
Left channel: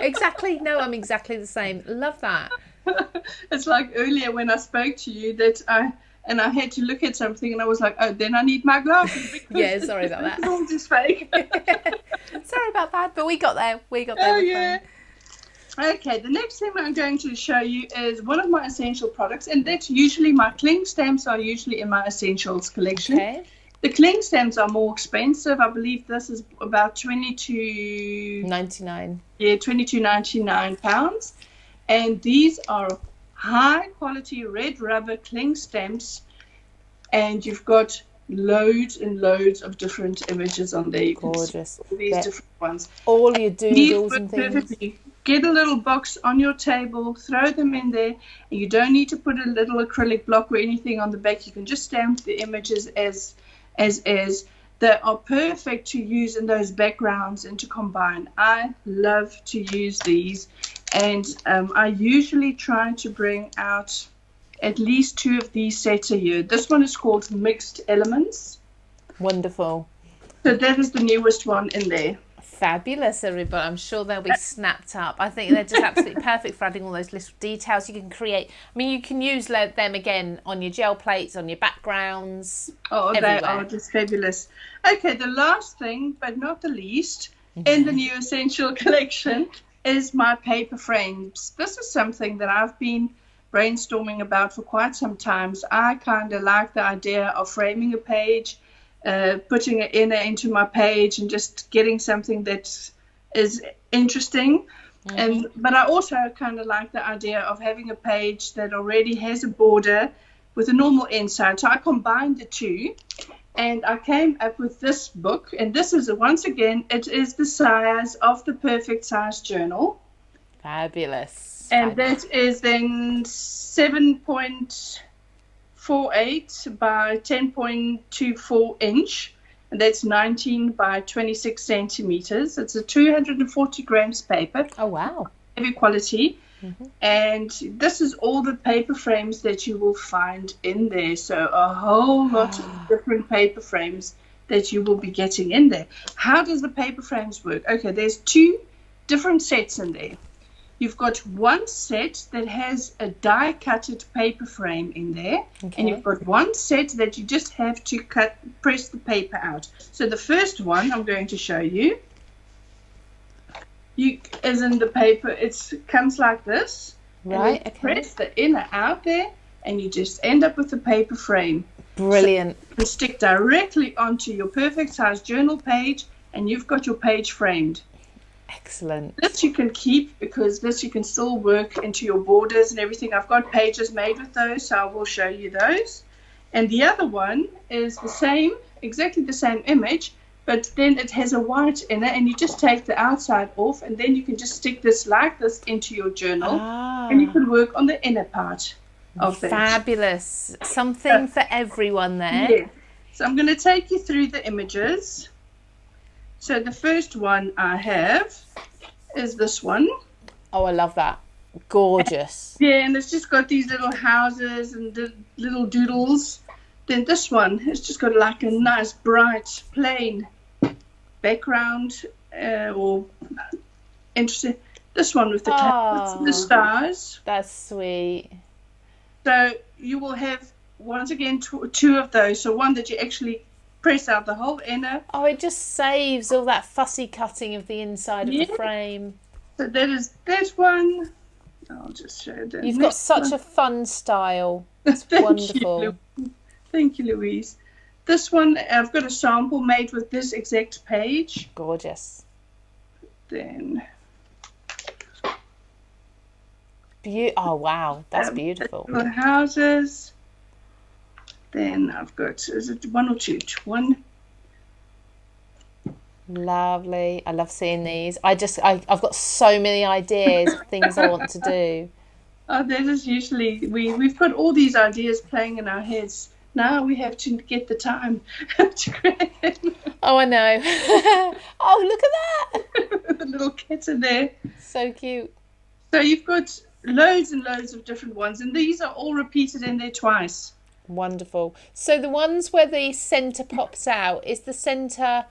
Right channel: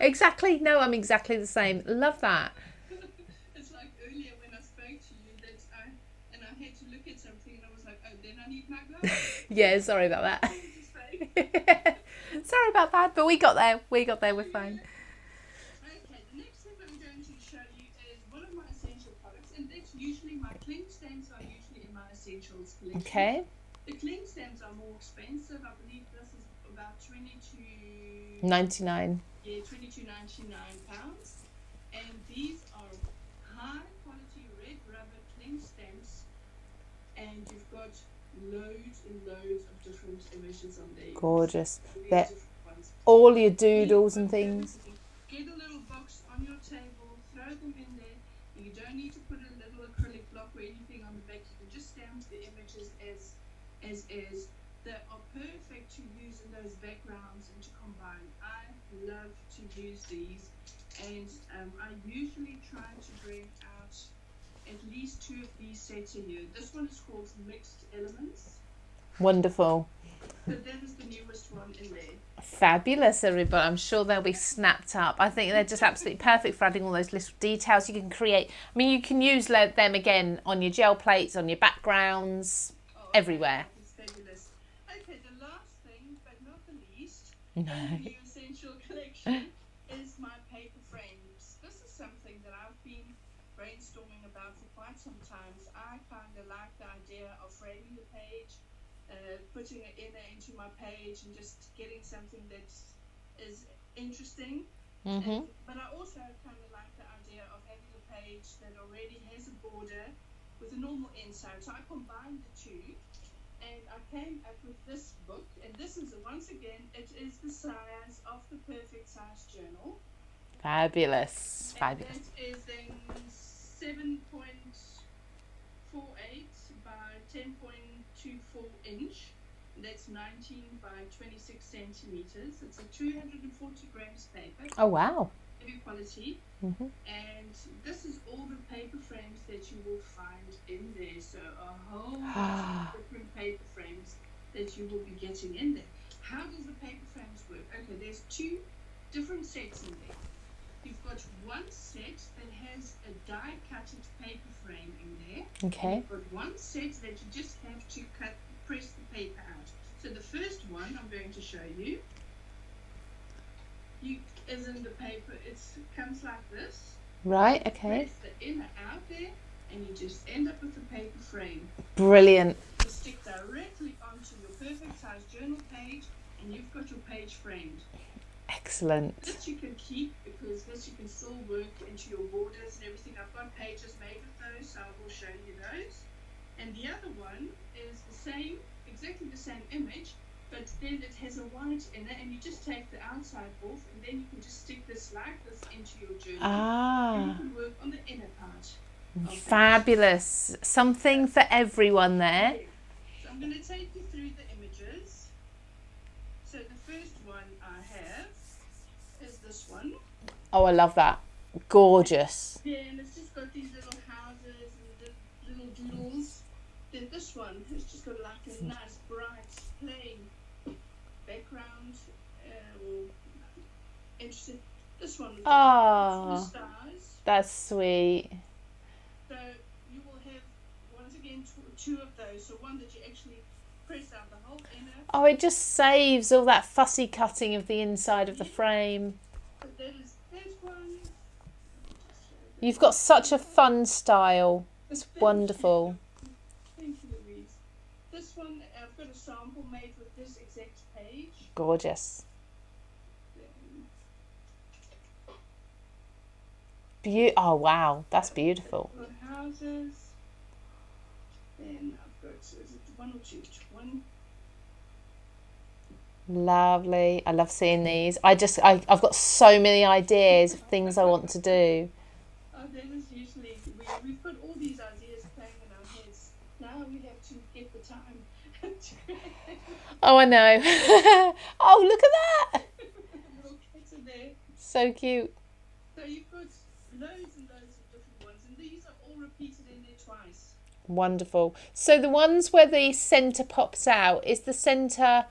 Exactly. No, I'm exactly the same. Love that. It's like earlier when I spoke to you that I had to look at something and I was like, oh, then I need my glasses. Yeah, sorry about that. It's all just fake. Sorry about that, but we got there. We got there with fun. Okay, the next thing I'm going to show you is one of my essential products, and that's usually my cling stamps are usually in my essentials collection. Okay. The cling stamps are more expensive. I believe this is about £22.99. Yeah, £22.99. And these are high quality red rubber cling stamps, and you've got loads and loads of different images on there. You Gorgeous. Can see all these different ones. All your doodles and things. Perfectly. Get a little box on your table, throw them in there, and you don't need to put a little acrylic block or anything on the back. You can just stamp the images as is. They are perfect to use in those backgrounds and to combine. I love to use these, and I usually try to bring out at least 2 of these sets a year. This one is called Mixed Elements. Wonderful. So that is the newest one in there. Fabulous, everybody. I'm sure they'll be snapped up. I think they're just absolutely perfect for adding all those little details you can create. I mean, you can use them again on your gel plates, on your backgrounds, everywhere. They are just fabulous. Okay, the last thing, but not the least, in the new Essential collection is my paper frames. This is something that I've been brainstorming about for quite some time. I kind of like the idea of framing a page, putting an inner into my page, and just getting something that is interesting. But I also kind of like the idea of having a page that already has a border with a normal inside. So I combined the two, and I came up with this book. And this is, once again, it is the size of the Perfect Size Journal. Fabulous. And that is then 7.48 by 10.24 inch, and that's 19 by 26 centimeters. It's a 240 grams paper. Oh wow! Heavy quality. And this is all the paper frames that you will find in there. So a whole lot of different paper frames that you will be getting in there. How does the paper frames work? Okay, there's 2 different sets in there. You've got one set that has a die-cutted paper frame in there, and you've got one set that you just have to press the paper out. So the first one I'm going to show you, as in the paper, it comes like this. Right, okay. Press the inner out there, and you just end up with the paper frame. Brilliant. So you can stick directly onto your Perfect Size Journal page, and you've got your page framed. Excellent. This you can keep, because this you can still work into your borders and everything. I've got pages made with those, so I will show you those. And the other one is the same, exactly the same image, but then it has a white inner, and you just take the outside off, and then you can just stick this like this into your journal, and you can work on the inner part of that. Fabulous. Something for everyone there. Yeah. So I'm going to take you through the images. So the first one I have is this one. Oh, I love that. Gorgeous. Yeah, and it's just got these little houses and the little doodles. Then this one has just got like a nice bright plain background, or interesting. This one with the stars. That's sweet. So you will have, once again, 2 of those. So one that you actually press out the whole inner. Oh, it just saves all that fussy cutting of the inside of the frame. So that is that one. I'll just show that. You've got such a fun style. It's wonderful. Thank you, Louise. This one, I've got a sample made with this exact page. Gorgeous. Then. Oh, wow. That's beautiful. The houses. Then I've got, is it 1 or 2? 1. Lovely. I love seeing these. I've got so many ideas of things I want to do. Oh, that is usually, we've got all these ideas playing in our heads. Now we have to get the time to create them. Oh, I know. Oh, look at that. The little cats in there. So cute. So you've got loads and loads of different ones, and these are all repeated in there twice. Wonderful. So the ones where the centre pops out, is the centre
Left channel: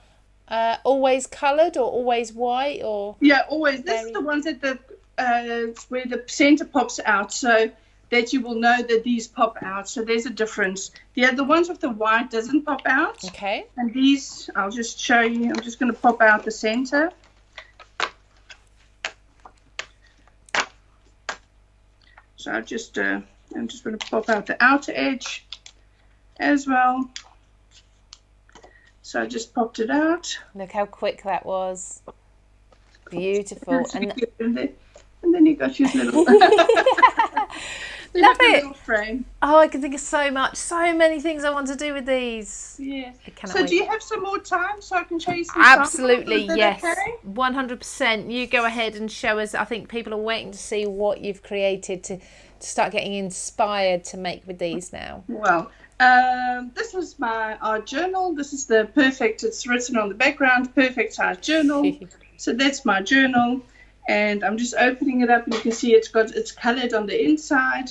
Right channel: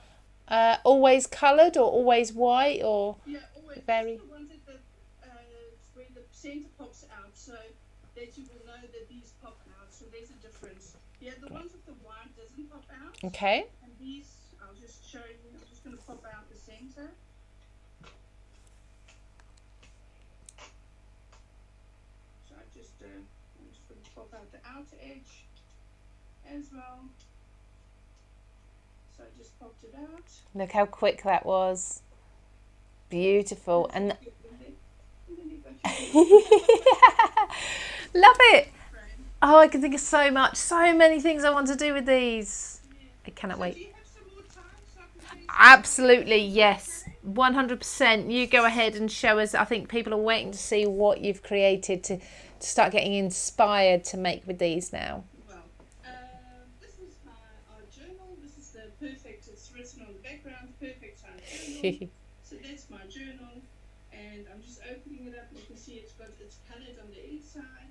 always coloured or always white? Or yeah, always. This is the ones that where the centre pops out, so that you will know that these pop out. So there's a difference. The ones with the white doesn't pop out. Okay. And these, I'll just show you. I'm just going to pop out the centre. So I'm just going to pop out the outer edge as well. So I just popped it out. Look how quick that was. Beautiful. And then you got your little love it. Little frame. Oh, I can think of so much, so many things I want to do with these. Yeah. I cannot So wait. do you have some more time so I can show you some Absolutely, samples? yes. Okay? 100%. You go ahead and show us. I think people are waiting to see what you've created to start getting inspired to make with these now. Well, this is my art journal. This is the perfect, it's written on the background, perfect size journal. So that's my journal. And I'm just opening it up and you can see it's colored on the inside.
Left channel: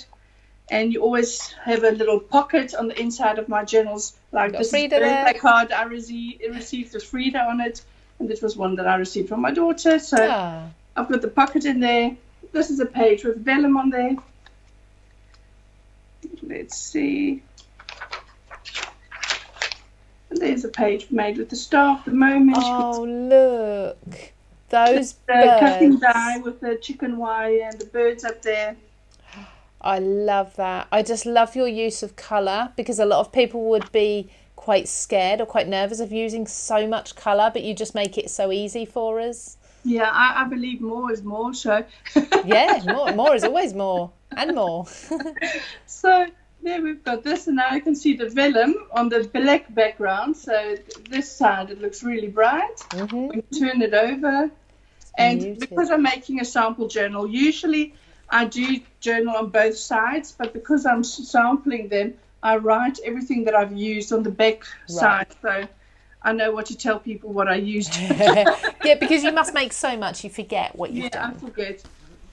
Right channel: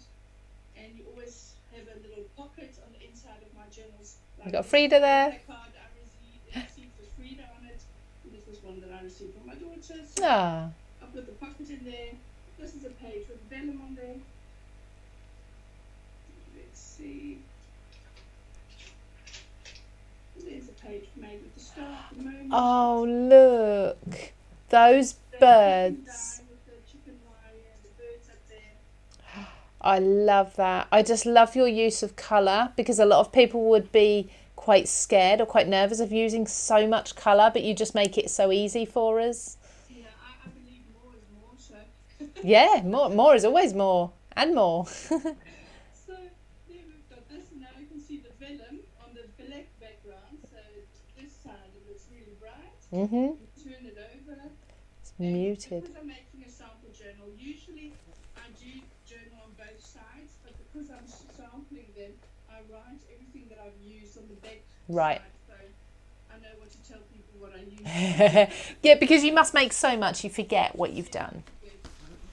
And you always have a little pocket on the inside of my journals. Like this Frida there. birthday card I received with Frida on it. And this was one that I received from my daughter. So I've got the pocket in there. This is a page with vellum on there. Let's see. And there's a page made with the star of the moment. Oh, look. Those the birds. Cutting die with the chicken wire and the birds up there. I love that. I just love your use of colour, because a lot of people would be quite scared or quite nervous of using so much colour, but you just make it so easy for us. Yeah, I believe more is more. So yeah, more is always more and more. So there we've got this, and now you can see the vellum on the black background. So this side it looks really bright. Mm-hmm. We turn it over, and muted. because I'm making a sample journal, usually I do journal on both sides, but because I'm sampling them, I write everything that I've used on the back side. So I know what to tell people what I used. Yeah, because you must make so much, you forget what you've done. I forget.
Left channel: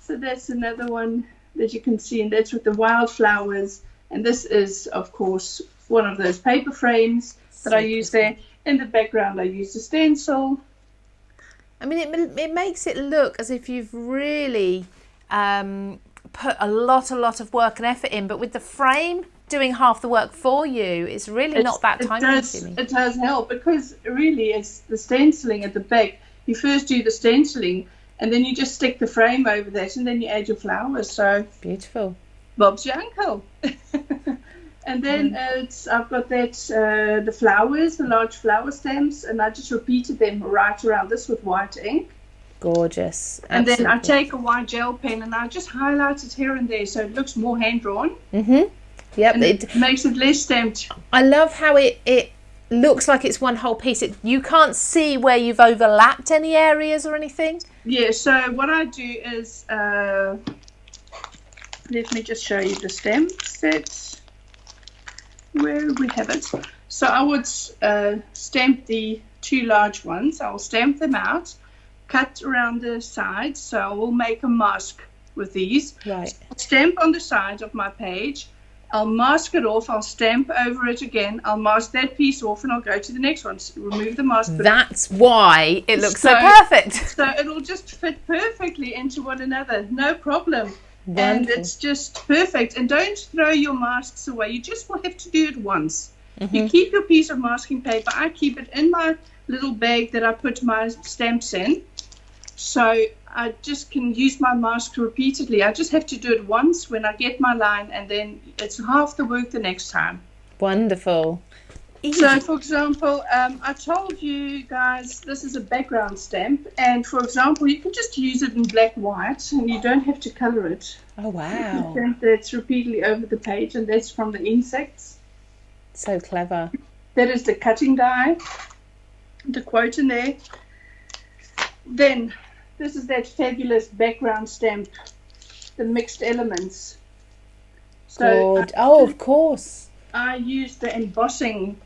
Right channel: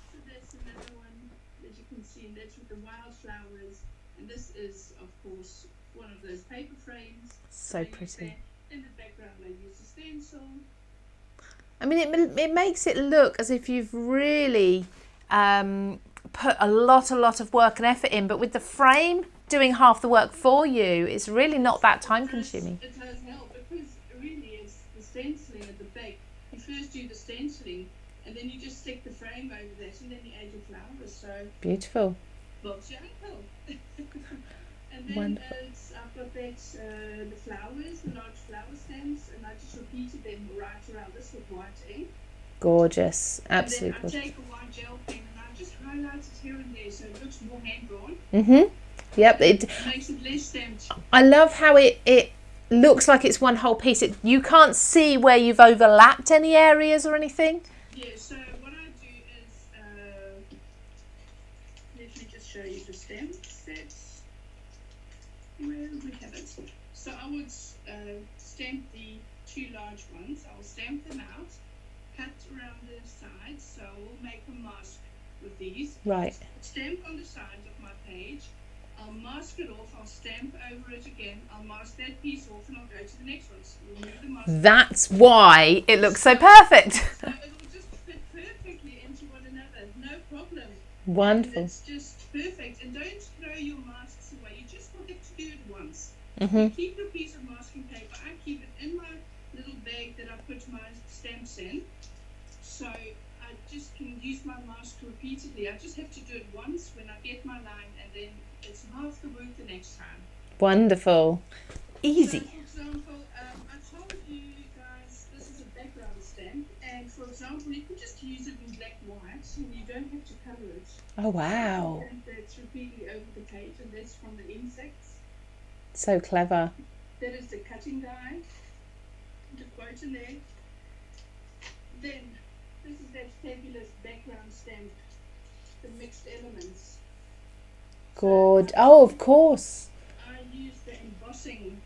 So that's another one that you can see, and that's with the wildflowers. And this is, of course, one of those paper frames that I use there. In the background, I use the stencil. I mean, it makes it look as if you've really put a lot of work and effort in, but with the frame doing half the work for you, it's really not that time consuming. It does help, because really it's the stenciling at the back. You first do the stenciling, and then you just stick the frame over that, and then you add your flowers. So beautiful. Bob's your uncle. And then I've got that the flowers, the large flower stems, and I just repeated them right around this with white ink. Gorgeous. And Absolutely. then I take a white gel pen and I just highlight it here and there so it looks more hand drawn. Mm-hmm. Yep. And it makes it less stamped. I love how it looks like it's one whole piece. You can't see where you've overlapped any areas or anything. Yeah, so what I do is, let me just show you the stem sets, where we have it. So I would stamp the two large ones. I'll stamp them out, cut around the sides, so I will make a mask with these. Right. Stamp on the sides of my page. I'll mask it off. I'll stamp over it again. I'll mask that piece off, and I'll go to the next one. So remove the mask. That's why it looks so perfect. So it'll just fit perfectly into one another. No problem. Wonderful. And it's just perfect. And don't throw your masks away. You just will have to do it once. Mm-hmm. You keep your piece of masking paper. I keep it in my little bag that I put my stamps in. So I just can use my mask repeatedly. I just have to do it once when I get my line, and then it's half the work the next time. Wonderful. Easy. So, for example, I told you guys this is a background stamp, and for example, you can just use it in black white, and you don't have to color it. Oh, wow. Stamp that's repeatedly over the page, and that's from the insects. So clever. That is the cutting die, the quote in there. Then this is that fabulous background stamp, the mixed elements. So Good. Oh, of course. I use the embossing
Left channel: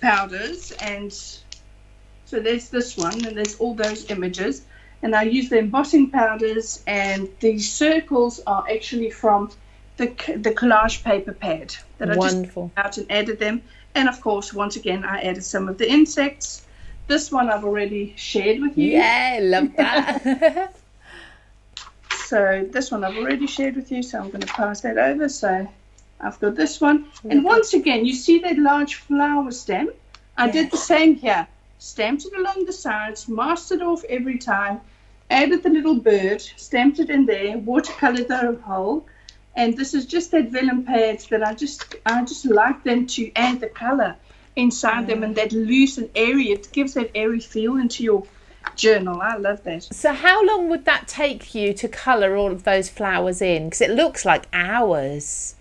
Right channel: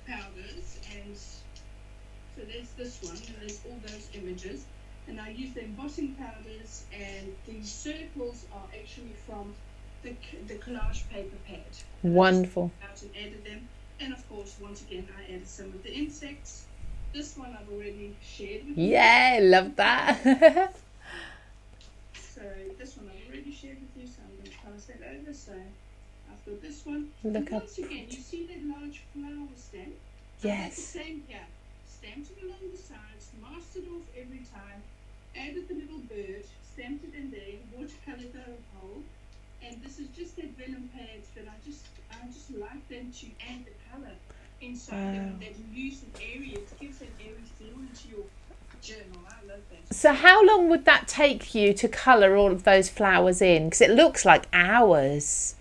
powders, and so there's this one, and there's all those images, and I use the embossing powders, and these circles are actually from the collage paper pad that Wonderful. I just out and added them. And of course, once again, I added some of the insects. This one I've already shared with you. Yeah, love that. So this one I've already shared with you, so I'm going to pass that over. So I've got this one. And once again, you see that large flower stamp? I did the same here. Stamped it along the sides, masked it off every time, added the little bird, stamped it in there, watercolored the whole, And this is just that vellum pads that I just like them to add the color inside them, and that loose and airy. It gives that airy feel into your journal. I love that. So how long would that take you to colour all of those flowers in? Because it looks like hours.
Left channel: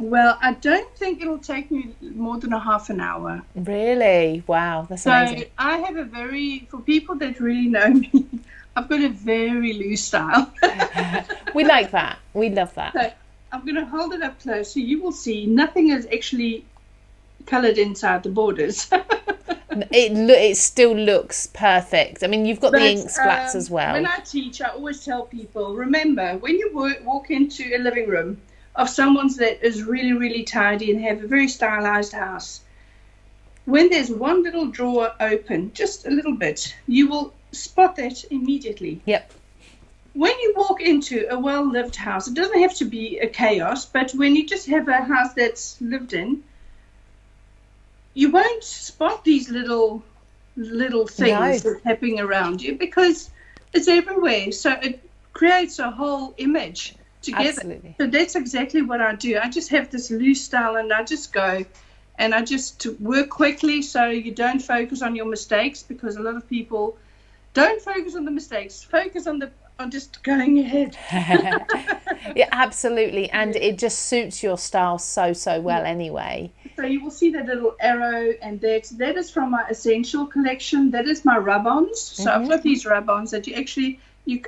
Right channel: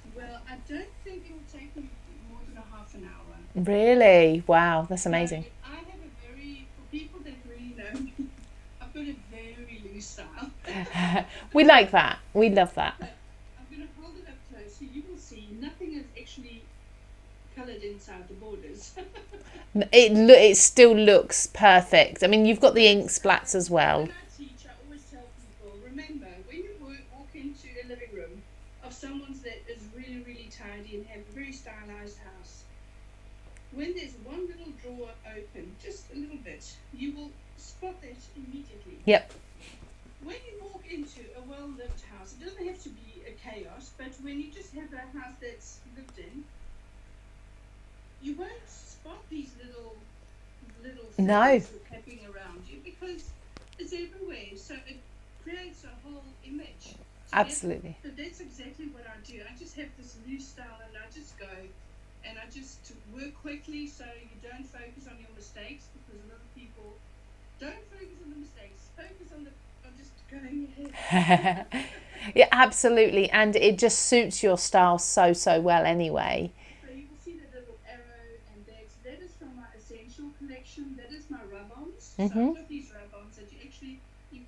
Well, I don't think it'll take me more than a half an hour. Really? Wow, that's amazing. So I have for people that really know me, I've got a very loose style. We like that. We love that. So I'm going to hold it up close so you will see nothing is actually coloured inside the borders. It still looks perfect. I mean, you've got the ink splats as well. When I teach, I always tell people, remember, when you walk into a living room of someone that is really, really tidy and have a very stylized house, when there's one little drawer open, just a little bit, you will spot that immediately. Yep. When you walk into a well-lived house, it doesn't have to be a chaos, but when you just have a house that's lived in, you won't spot these little things that's happening around you because it's everywhere. So it creates a whole image together. Absolutely. So that's exactly what I do. I just have this loose style and I just go and I just work quickly so you don't focus on your mistakes, because a lot of people don't focus on the mistakes, focus on just going ahead. Yeah, absolutely. And it just suits your style so well anyway. So you will see that little arrow, and that is from my essential collection. That is my rub-ons. So I've got these rub-ons that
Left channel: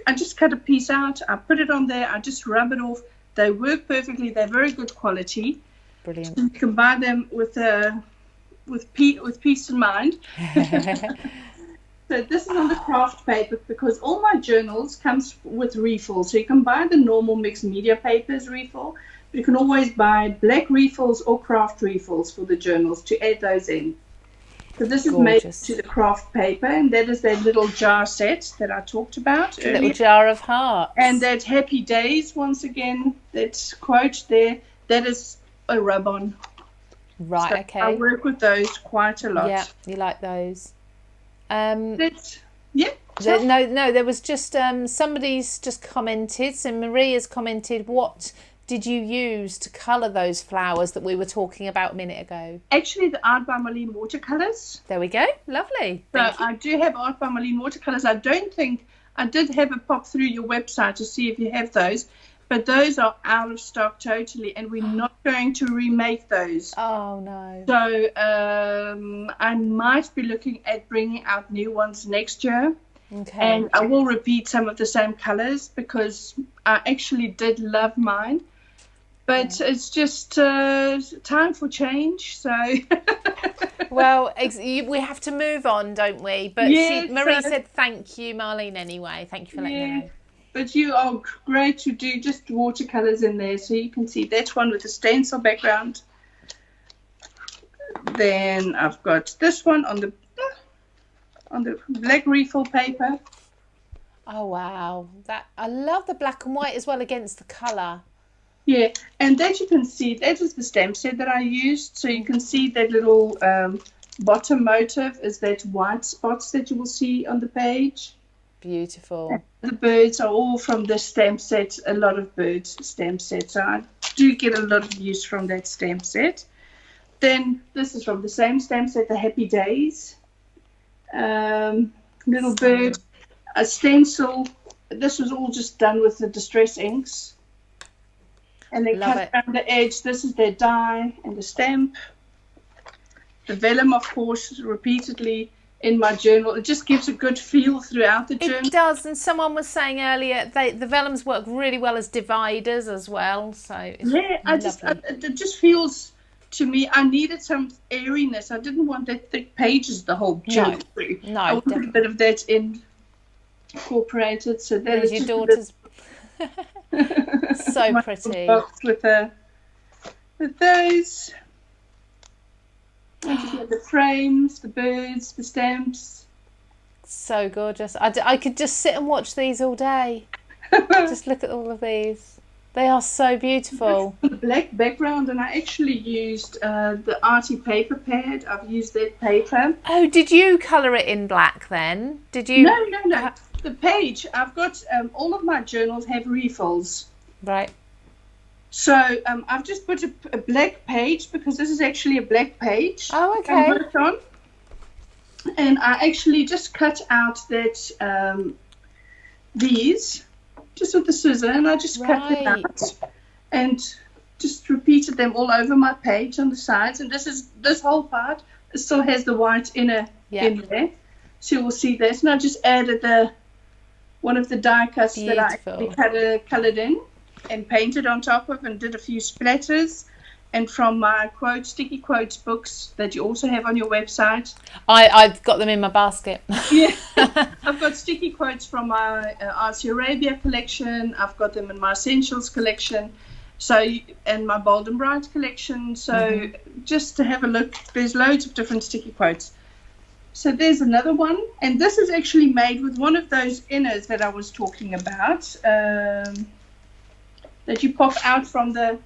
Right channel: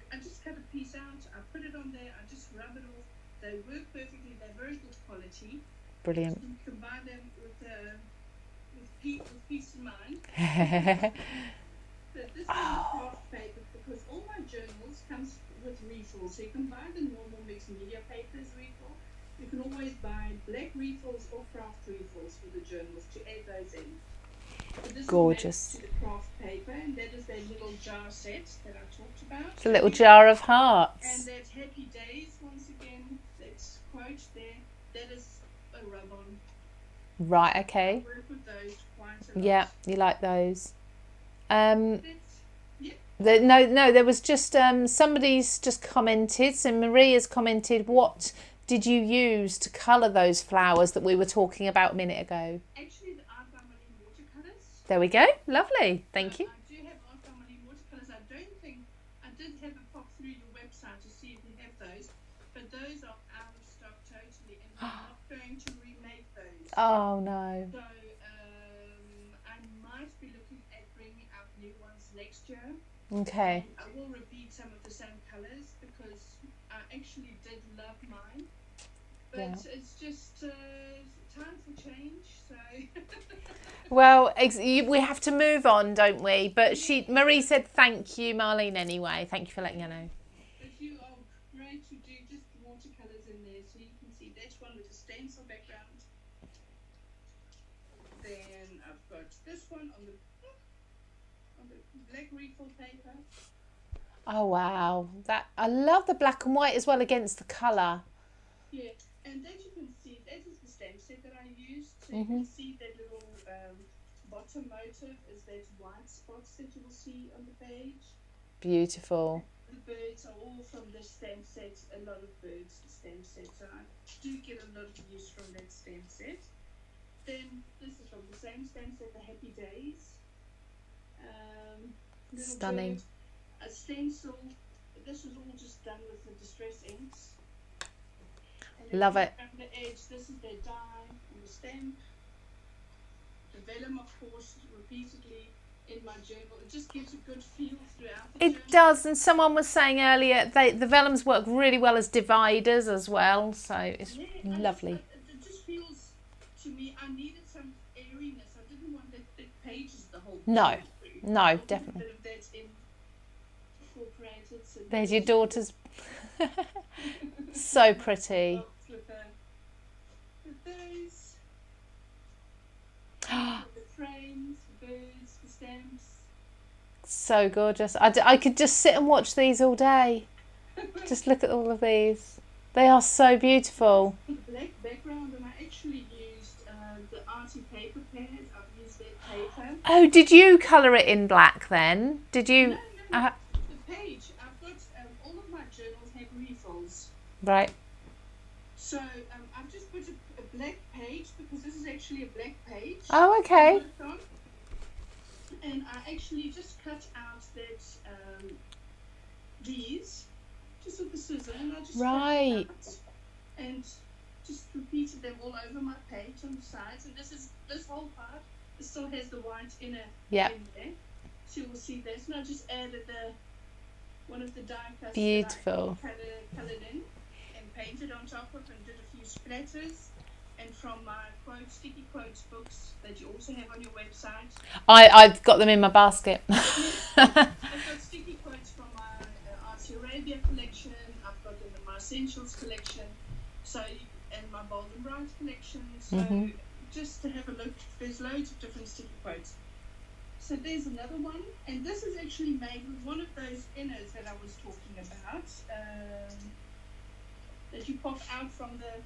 I just cut a piece out, I put it on there, I just rub it off. They work perfectly. They're very good quality. Brilliant. So you can buy them with peace in mind. So this is on the craft paper, because all my journals comes with refills. So you can buy the normal mixed media papers refill. You can always buy black refills or craft refills for the journals to add those in. So this is made to the craft paper, and that is that little jar set that I talked about earlier. Little jar of hearts. And that Happy Days, once again, that quote there, that is a rub-on. Right, so okay. I work with those quite a lot. Yeah, you like those. No, there was just somebody's just commented. So Marie has commented, what did you use to colour those flowers that we were talking about a minute ago? Actually, the Art by Marlene watercolours. There we go. Lovely. Thank you. I do have Art by Marlene watercolours. I don't think I did have a pop through your website to see if you have those, but those are out of stock totally, and we're not going to remake those. Oh no. So I might be looking at bringing out new ones next year. Okay. And I will repeat some of the same colours because I actually did love mine. But it's just time for change, so... Well, we have to move on, don't we? But yes, Marie said thank you, Marlene, anyway. Thank you for letting her know. But you are great to do just watercolours in there, so you can see that one with the stencil background. Then I've got this one on the black refill paper. Oh, wow. I love the black and white as well against the colour. Yeah, and that you can see, that is the stamp set that I used. So you can see that little bottom motif is that white spots that you will see on the page. Beautiful. The birds are all from this stamp set, a lot of birds stamp set. So I do get a lot of use from that stamp set. Then this is from the same stamp set, the Happy Days. Little bird, a stencil. This was all just done with the distress inks. And then cut around the edge. This is their die and the stamp. The vellum, of course, repeatedly in my journal. It just gives a good feel throughout the journal. It does, and someone was saying earlier the vellums work really well as dividers as well. So it's lovely. It just feels to me. I needed some airiness. I didn't want that thick pages the whole journal through. No, I wanted definitely. a bit of that incorporated. So there's your daughter's. So pretty. With those. The frames, the birds, the stamps. So gorgeous. I could just sit and watch these all day. Just look at all of these. They are so beautiful. The black background, and I actually used the Arty Paper Pad. I've used that paper. Oh, did you colour it in black then? Did you? No. The page, I've got all of my journals have refills. Right. So I've just put a black page, because this is actually a black page. Oh, okay. I worked on. And I actually just cut out that these just with the scissor, and I just cut them out and just repeated them all over my page on the sides. And this whole part still has the white inner in there, so you will see this. And I just added one of the die cuts that I actually colored in and painted on top of, and did a few splatters. And from my sticky quotes books that you also have on your website. I've got them in my basket. Yeah, I've got sticky quotes from my Arty Arabia collection. I've got them in my Stencils collection, and my Bold and Bright collection. So just to have a look, there's loads of different sticky quotes. So there's another one, and this is actually made with one of those inners that I was talking about, that you pop out from the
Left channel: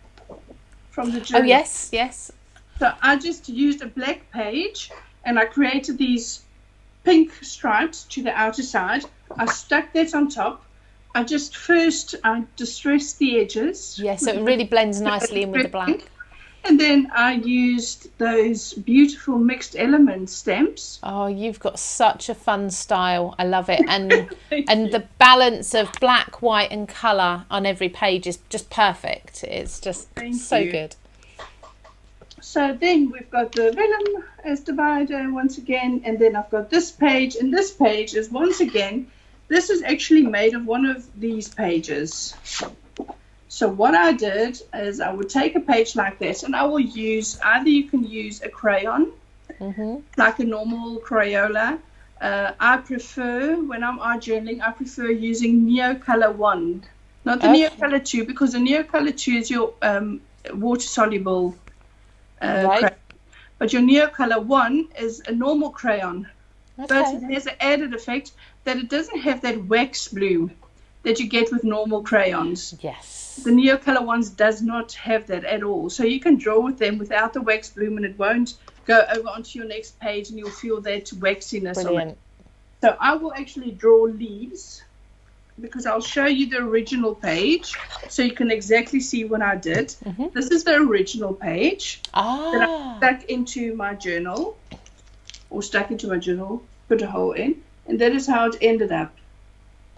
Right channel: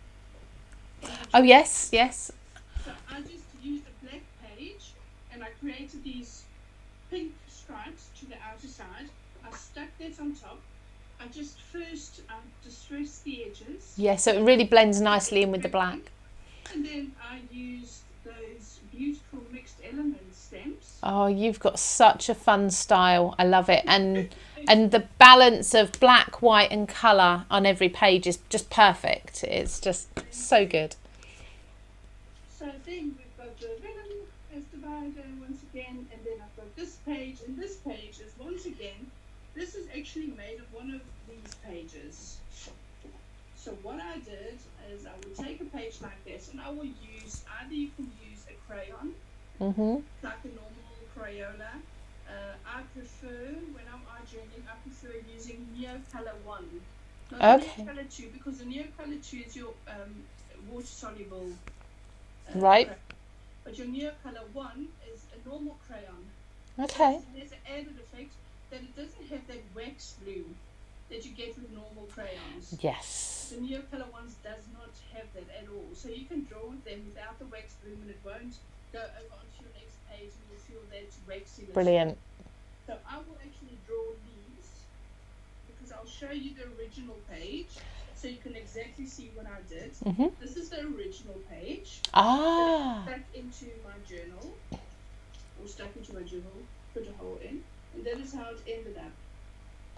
journal. Oh, yes. So I just used a black page, and I created these pink stripes to the outer side. I stuck that on top. I distressed the edges. Yeah, so it really blends nicely in with the black. And then I used those beautiful mixed element stamps. Oh, you've got such a fun style. I love it. And and the balance of black, white and colour on every page is just perfect. It's just so good. So then we've got the vellum as divider once again. And then I've got this page. And this page is once again, this is actually made of one of these pages. So what I did is I would take a page like this, and I will use, either you can use a crayon, like a normal Crayola. I prefer, when I'm art journaling, I prefer using Neocolor 1, not the Neocolor 2, because the Neocolor 2 is your water-soluble crayon. But your Neocolor 1 is a normal crayon. But it has an added effect that it doesn't have that wax blue that you get with normal crayons. Yes. The Neocolor ones does not have that at all. So you can draw with them without the wax bloom, and it won't go over onto your next page, and you'll feel that waxiness. Brilliant. On it. So I will actually draw leaves, because I'll show you the original page so you can exactly see what I did. This is the original page that I stuck into my journal, put a hole in, and that is how it ended up.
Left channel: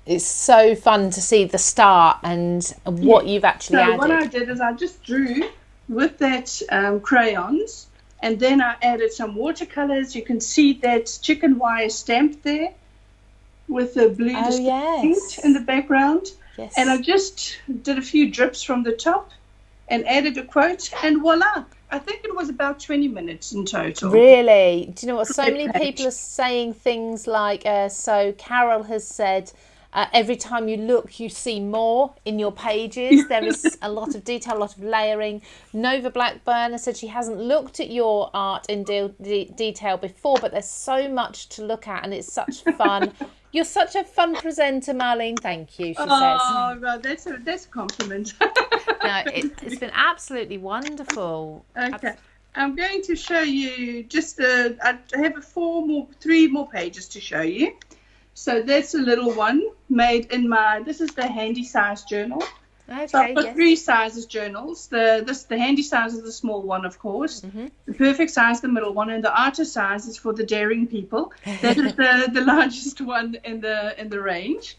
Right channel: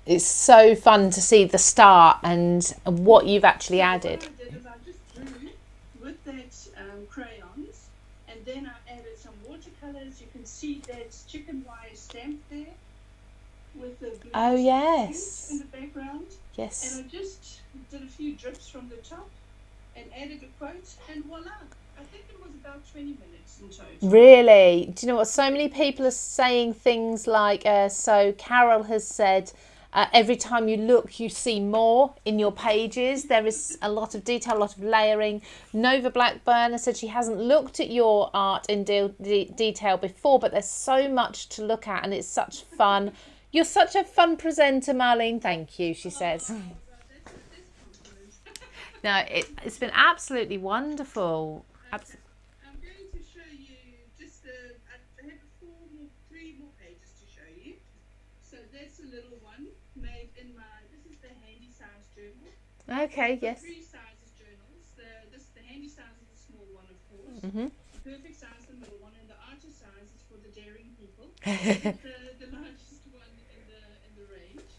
It's so fun to see the start and what you've actually added. What I did is I just drew with that crayons, and then I added some watercolors. You can see that chicken wire stamp there with the blue paint in the background. Yes. And I just did a few drips from the top and added a quote, and voila. I think it was about 20 minutes in total. Really? Do you know what? So many people are saying things like, so Carol has said, every time you look, you see more in your pages. There is a lot of detail, a lot of layering. Nova Blackburn said she hasn't looked at your art in detail before, but there's so much to look at, and it's such fun. You're such a fun presenter, Marlene. Thank you, she says. Oh, well, that's a compliment. No, it's been absolutely wonderful. Okay. I'm going to show you I have 3 more pages to show you. So that's a little one made in this is the handy size journal. Okay, so I've got 3 sizes journals. The handy size is the small one, of course. The perfect size, the middle one, and the artist size is for the daring people. That is the largest one in the range.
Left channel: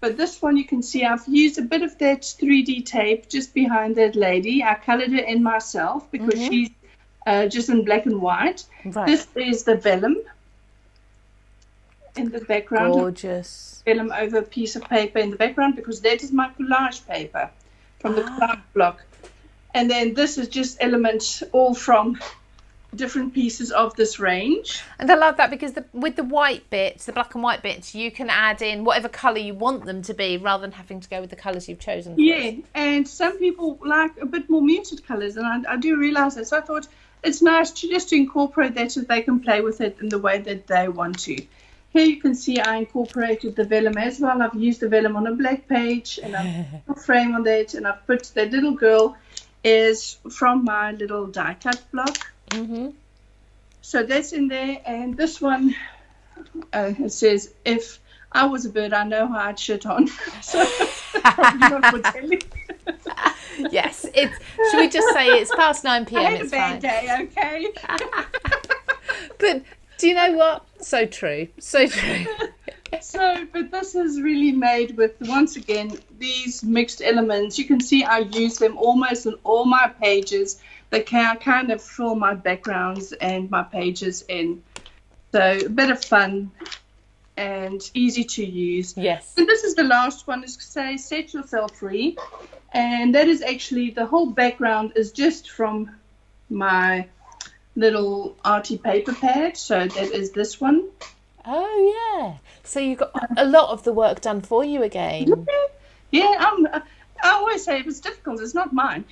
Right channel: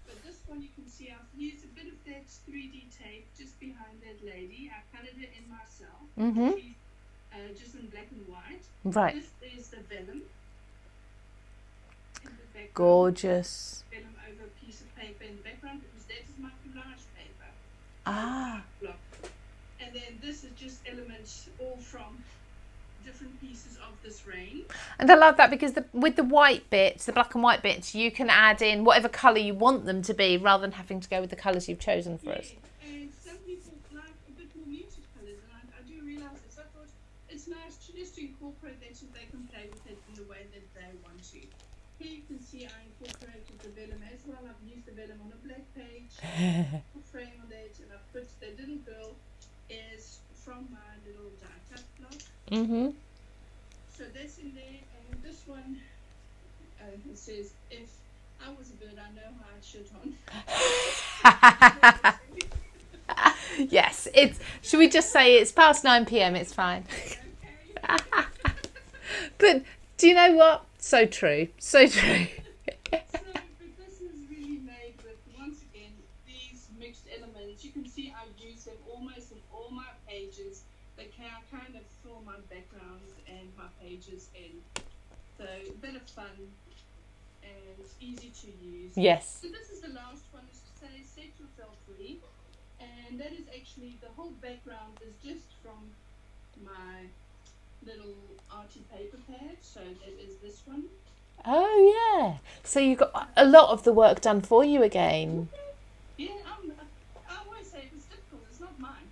But this one, you can see I've used a bit of that 3D tape just behind that lady. I colored it in myself because she's just in black and white. Right. This is the vellum in the background. Gorgeous. Vellum over a piece of paper in the background, because that is my collage paper from the collage block. And then this is just elements all from different pieces of this range. And I love that, because with the white bits, the black and white bits, you can add in whatever colour you want them to be, rather than having to go with the colours you've chosen for us. And some people like a bit more muted colours, and I do realise that. So I thought it's nice to incorporate that so they can play with it in the way that they want to. Here you can see I incorporated the vellum as well. I've used the vellum on a black page, and I've put a frame on that, and I've put the little girl is from my little die cut block. So that's in there. And this one, it says, if I was a bird, I know how I'd shit on. So that's probably not for telling. Yes, should we just say it's past 9 p.m. I had It's a bad fine. day, okay? But do you know what? So true. So true. But this is really made with, once again, these mixed elements. You can see I use them almost in all my pages. They can kind of fill my backgrounds and my pages in. So a bit of fun and easy to use. Yes. And this is the last one, is to say set yourself free. And that is actually, the whole background is just from my little Arty Paper Pad. So that is this one. Oh, yeah. So you got a lot of the work done for you again. Yeah, I always say if it's difficult, it's not mine.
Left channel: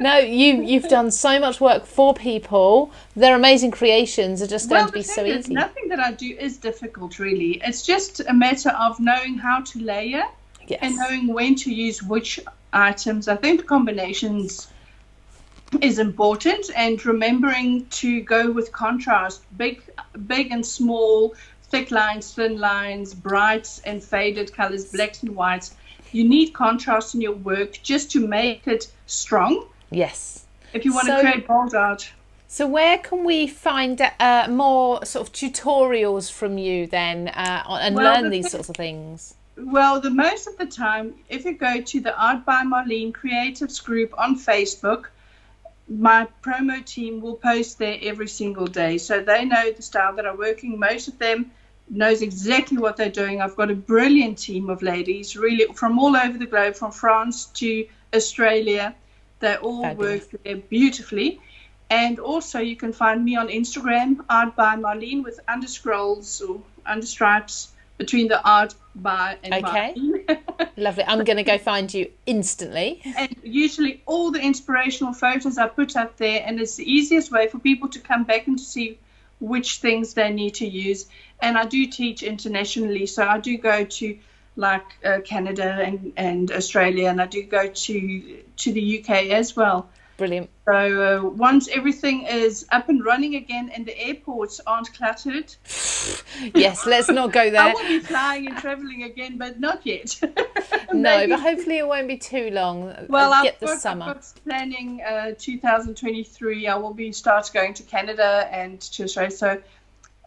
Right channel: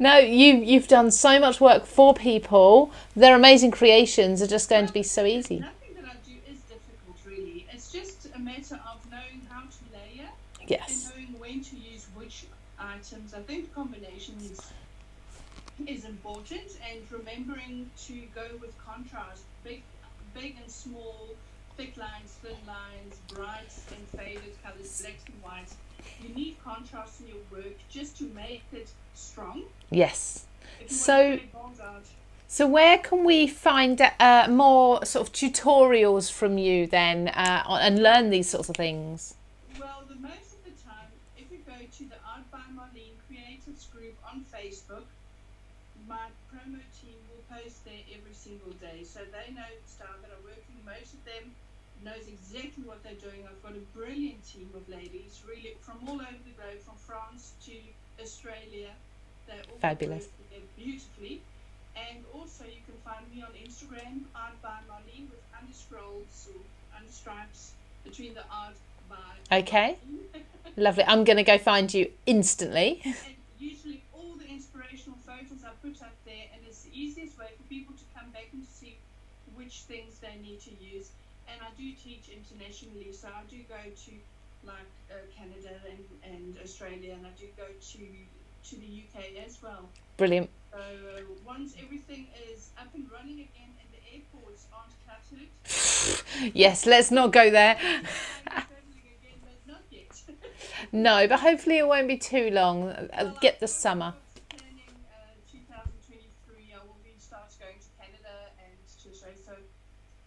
No, you've done so much work for people. Their amazing creations are just going to be so easy. Nothing that I do is difficult, really. It's just a matter of knowing how to layer and knowing when to use which items. I think combinations is important, and remembering to go with contrast, big and small, thick lines, thin lines, bright and faded colors, blacks and whites. You need contrast in your work just to make it strong. Yes. If you want to create bold art. So where can we find more sort of tutorials from you then and learn these sorts of things? Well, the most of the time, if you go to the Art by Marlene Creatives group on Facebook, my promo team will post there every single day. So they know the style that I'm working. Most of them knows exactly what they're doing. I've got a brilliant team of ladies, really from all over the globe, from France to Australia. They all work there beautifully. And also you can find me on Instagram, Art by Marlene, with underscrolls or understripes between the Art by and Marlene. Lovely. I'm going to go find you instantly. And usually all the inspirational photos I put up there, and it's the easiest way for people to come back and to see which things they need to use. And I do teach internationally, so I do go to like Canada and Australia, and I do go to the UK as well. Brilliant. So once everything is up and running again and the airports aren't cluttered. Yes, let's not go there. I will be flying and travelling again, but not yet. No, but hopefully it won't be too long. Well, get the summer. I'm planning 2023. I will be start going to Canada and to Australia. So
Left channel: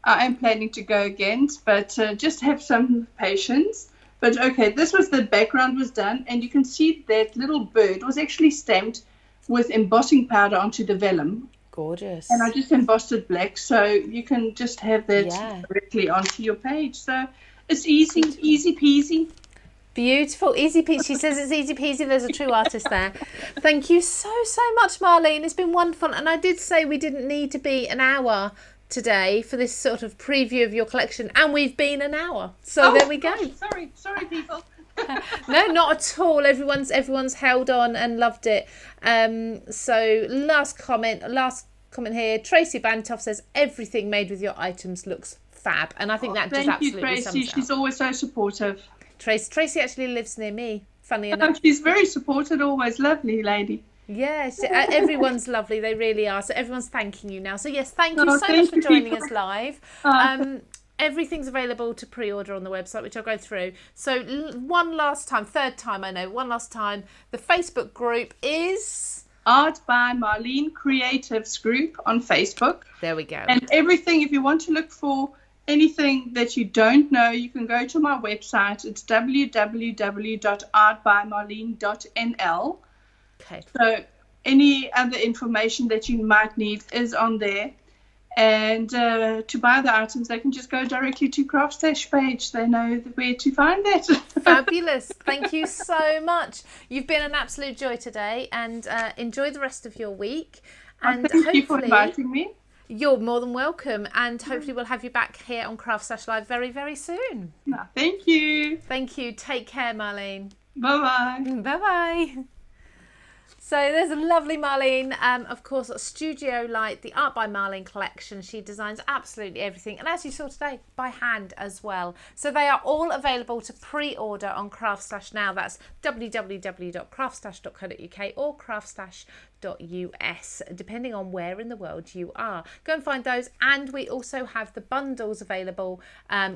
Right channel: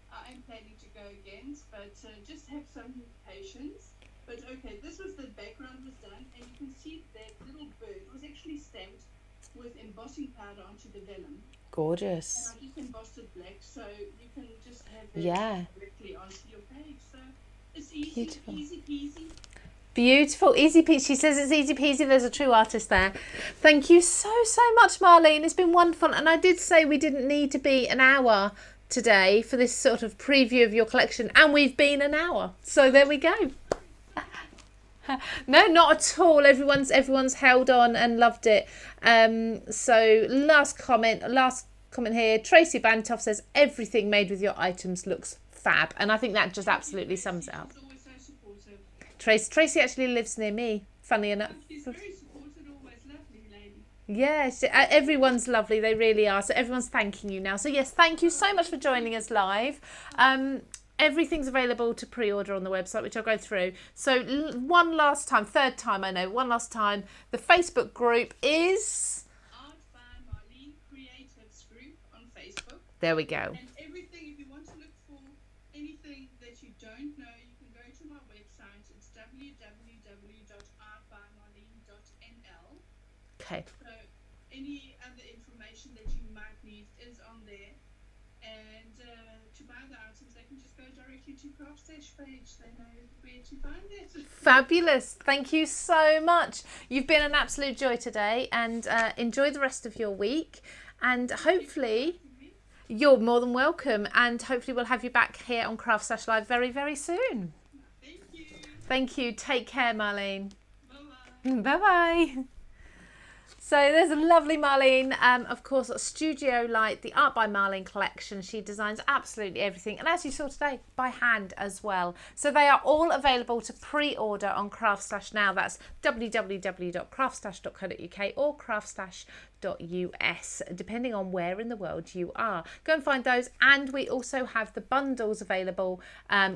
I am planning to go again, but just have some patience. But okay, this was the background was done, and you can see that little bird was actually stamped with embossing powder onto the vellum. Gorgeous. And I just embossed it black, so you can just have that directly onto your page. So it's easy, easy peasy. Beautiful, easy peasy. She says it's easy peasy. There's a true artist there. Thank you so much, Marlene. It's been wonderful. And I did say we didn't need to be an hour today for this sort of preview of your collection, and we've been an hour. So there we go. Sorry, people. No, not at all. Everyone's held on and loved it. So last comment here. Tracy Bantoff says everything made with your items looks fab, and I think that just absolutely sums it up. She's always so supportive. Tracy actually lives near me. Funny enough, she's very supportive. Always lovely lady. Yes, everyone's lovely. They really are. So everyone's thanking you now. So yes, thank you so much for joining us live. Everything's available to pre-order on the website, which I'll go through. So one last time, the Facebook group is Art by Marlene Creatives group on Facebook. There we go. And everything, if you want to look for anything that you don't know, you can go to my website. It's www.artbymarlene.nl. Okay. So any other information that you might need is on there. And to buy the items, they can just go directly to CraftStash page. They know where to find it. Fabulous. Thank you so much. You've been an absolute joy today, and enjoy the rest of your week. And thank hopefully you for inviting me. You're more than welcome. And hopefully we'll have you back here on CraftStash Live very, very soon. No, thank you. Thank you. Take care, Marlene. Bye-bye. Bye-bye. So there's a lovely Marlene, of course, Studio Light, the Art by Marlene collection. She designs absolutely everything, and as you saw today, by hand as well. So they are all available to pre-order on CraftStash now. That's www.craftstash.co.uk or craftstash.us, depending on where in the world you are. Go and find those, and we also have the bundles available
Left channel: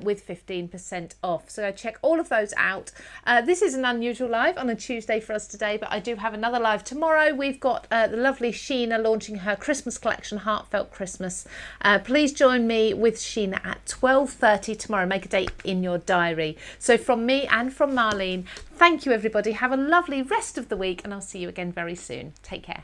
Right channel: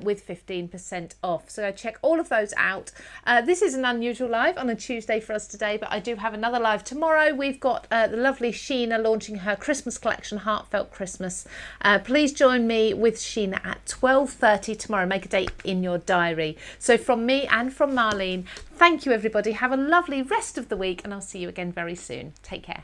with 15% off. So go check all of those out. This is an unusual live on a Tuesday for us today, but I do have another live tomorrow. We've got the lovely Sheena launching her Christmas collection, Heartfelt Christmas. Please join me with Sheena at 12:30 tomorrow. Make a date in your diary. So from me and from Marlene, thank you everybody. Have a lovely rest of the week, and I'll see you again very soon. Take care.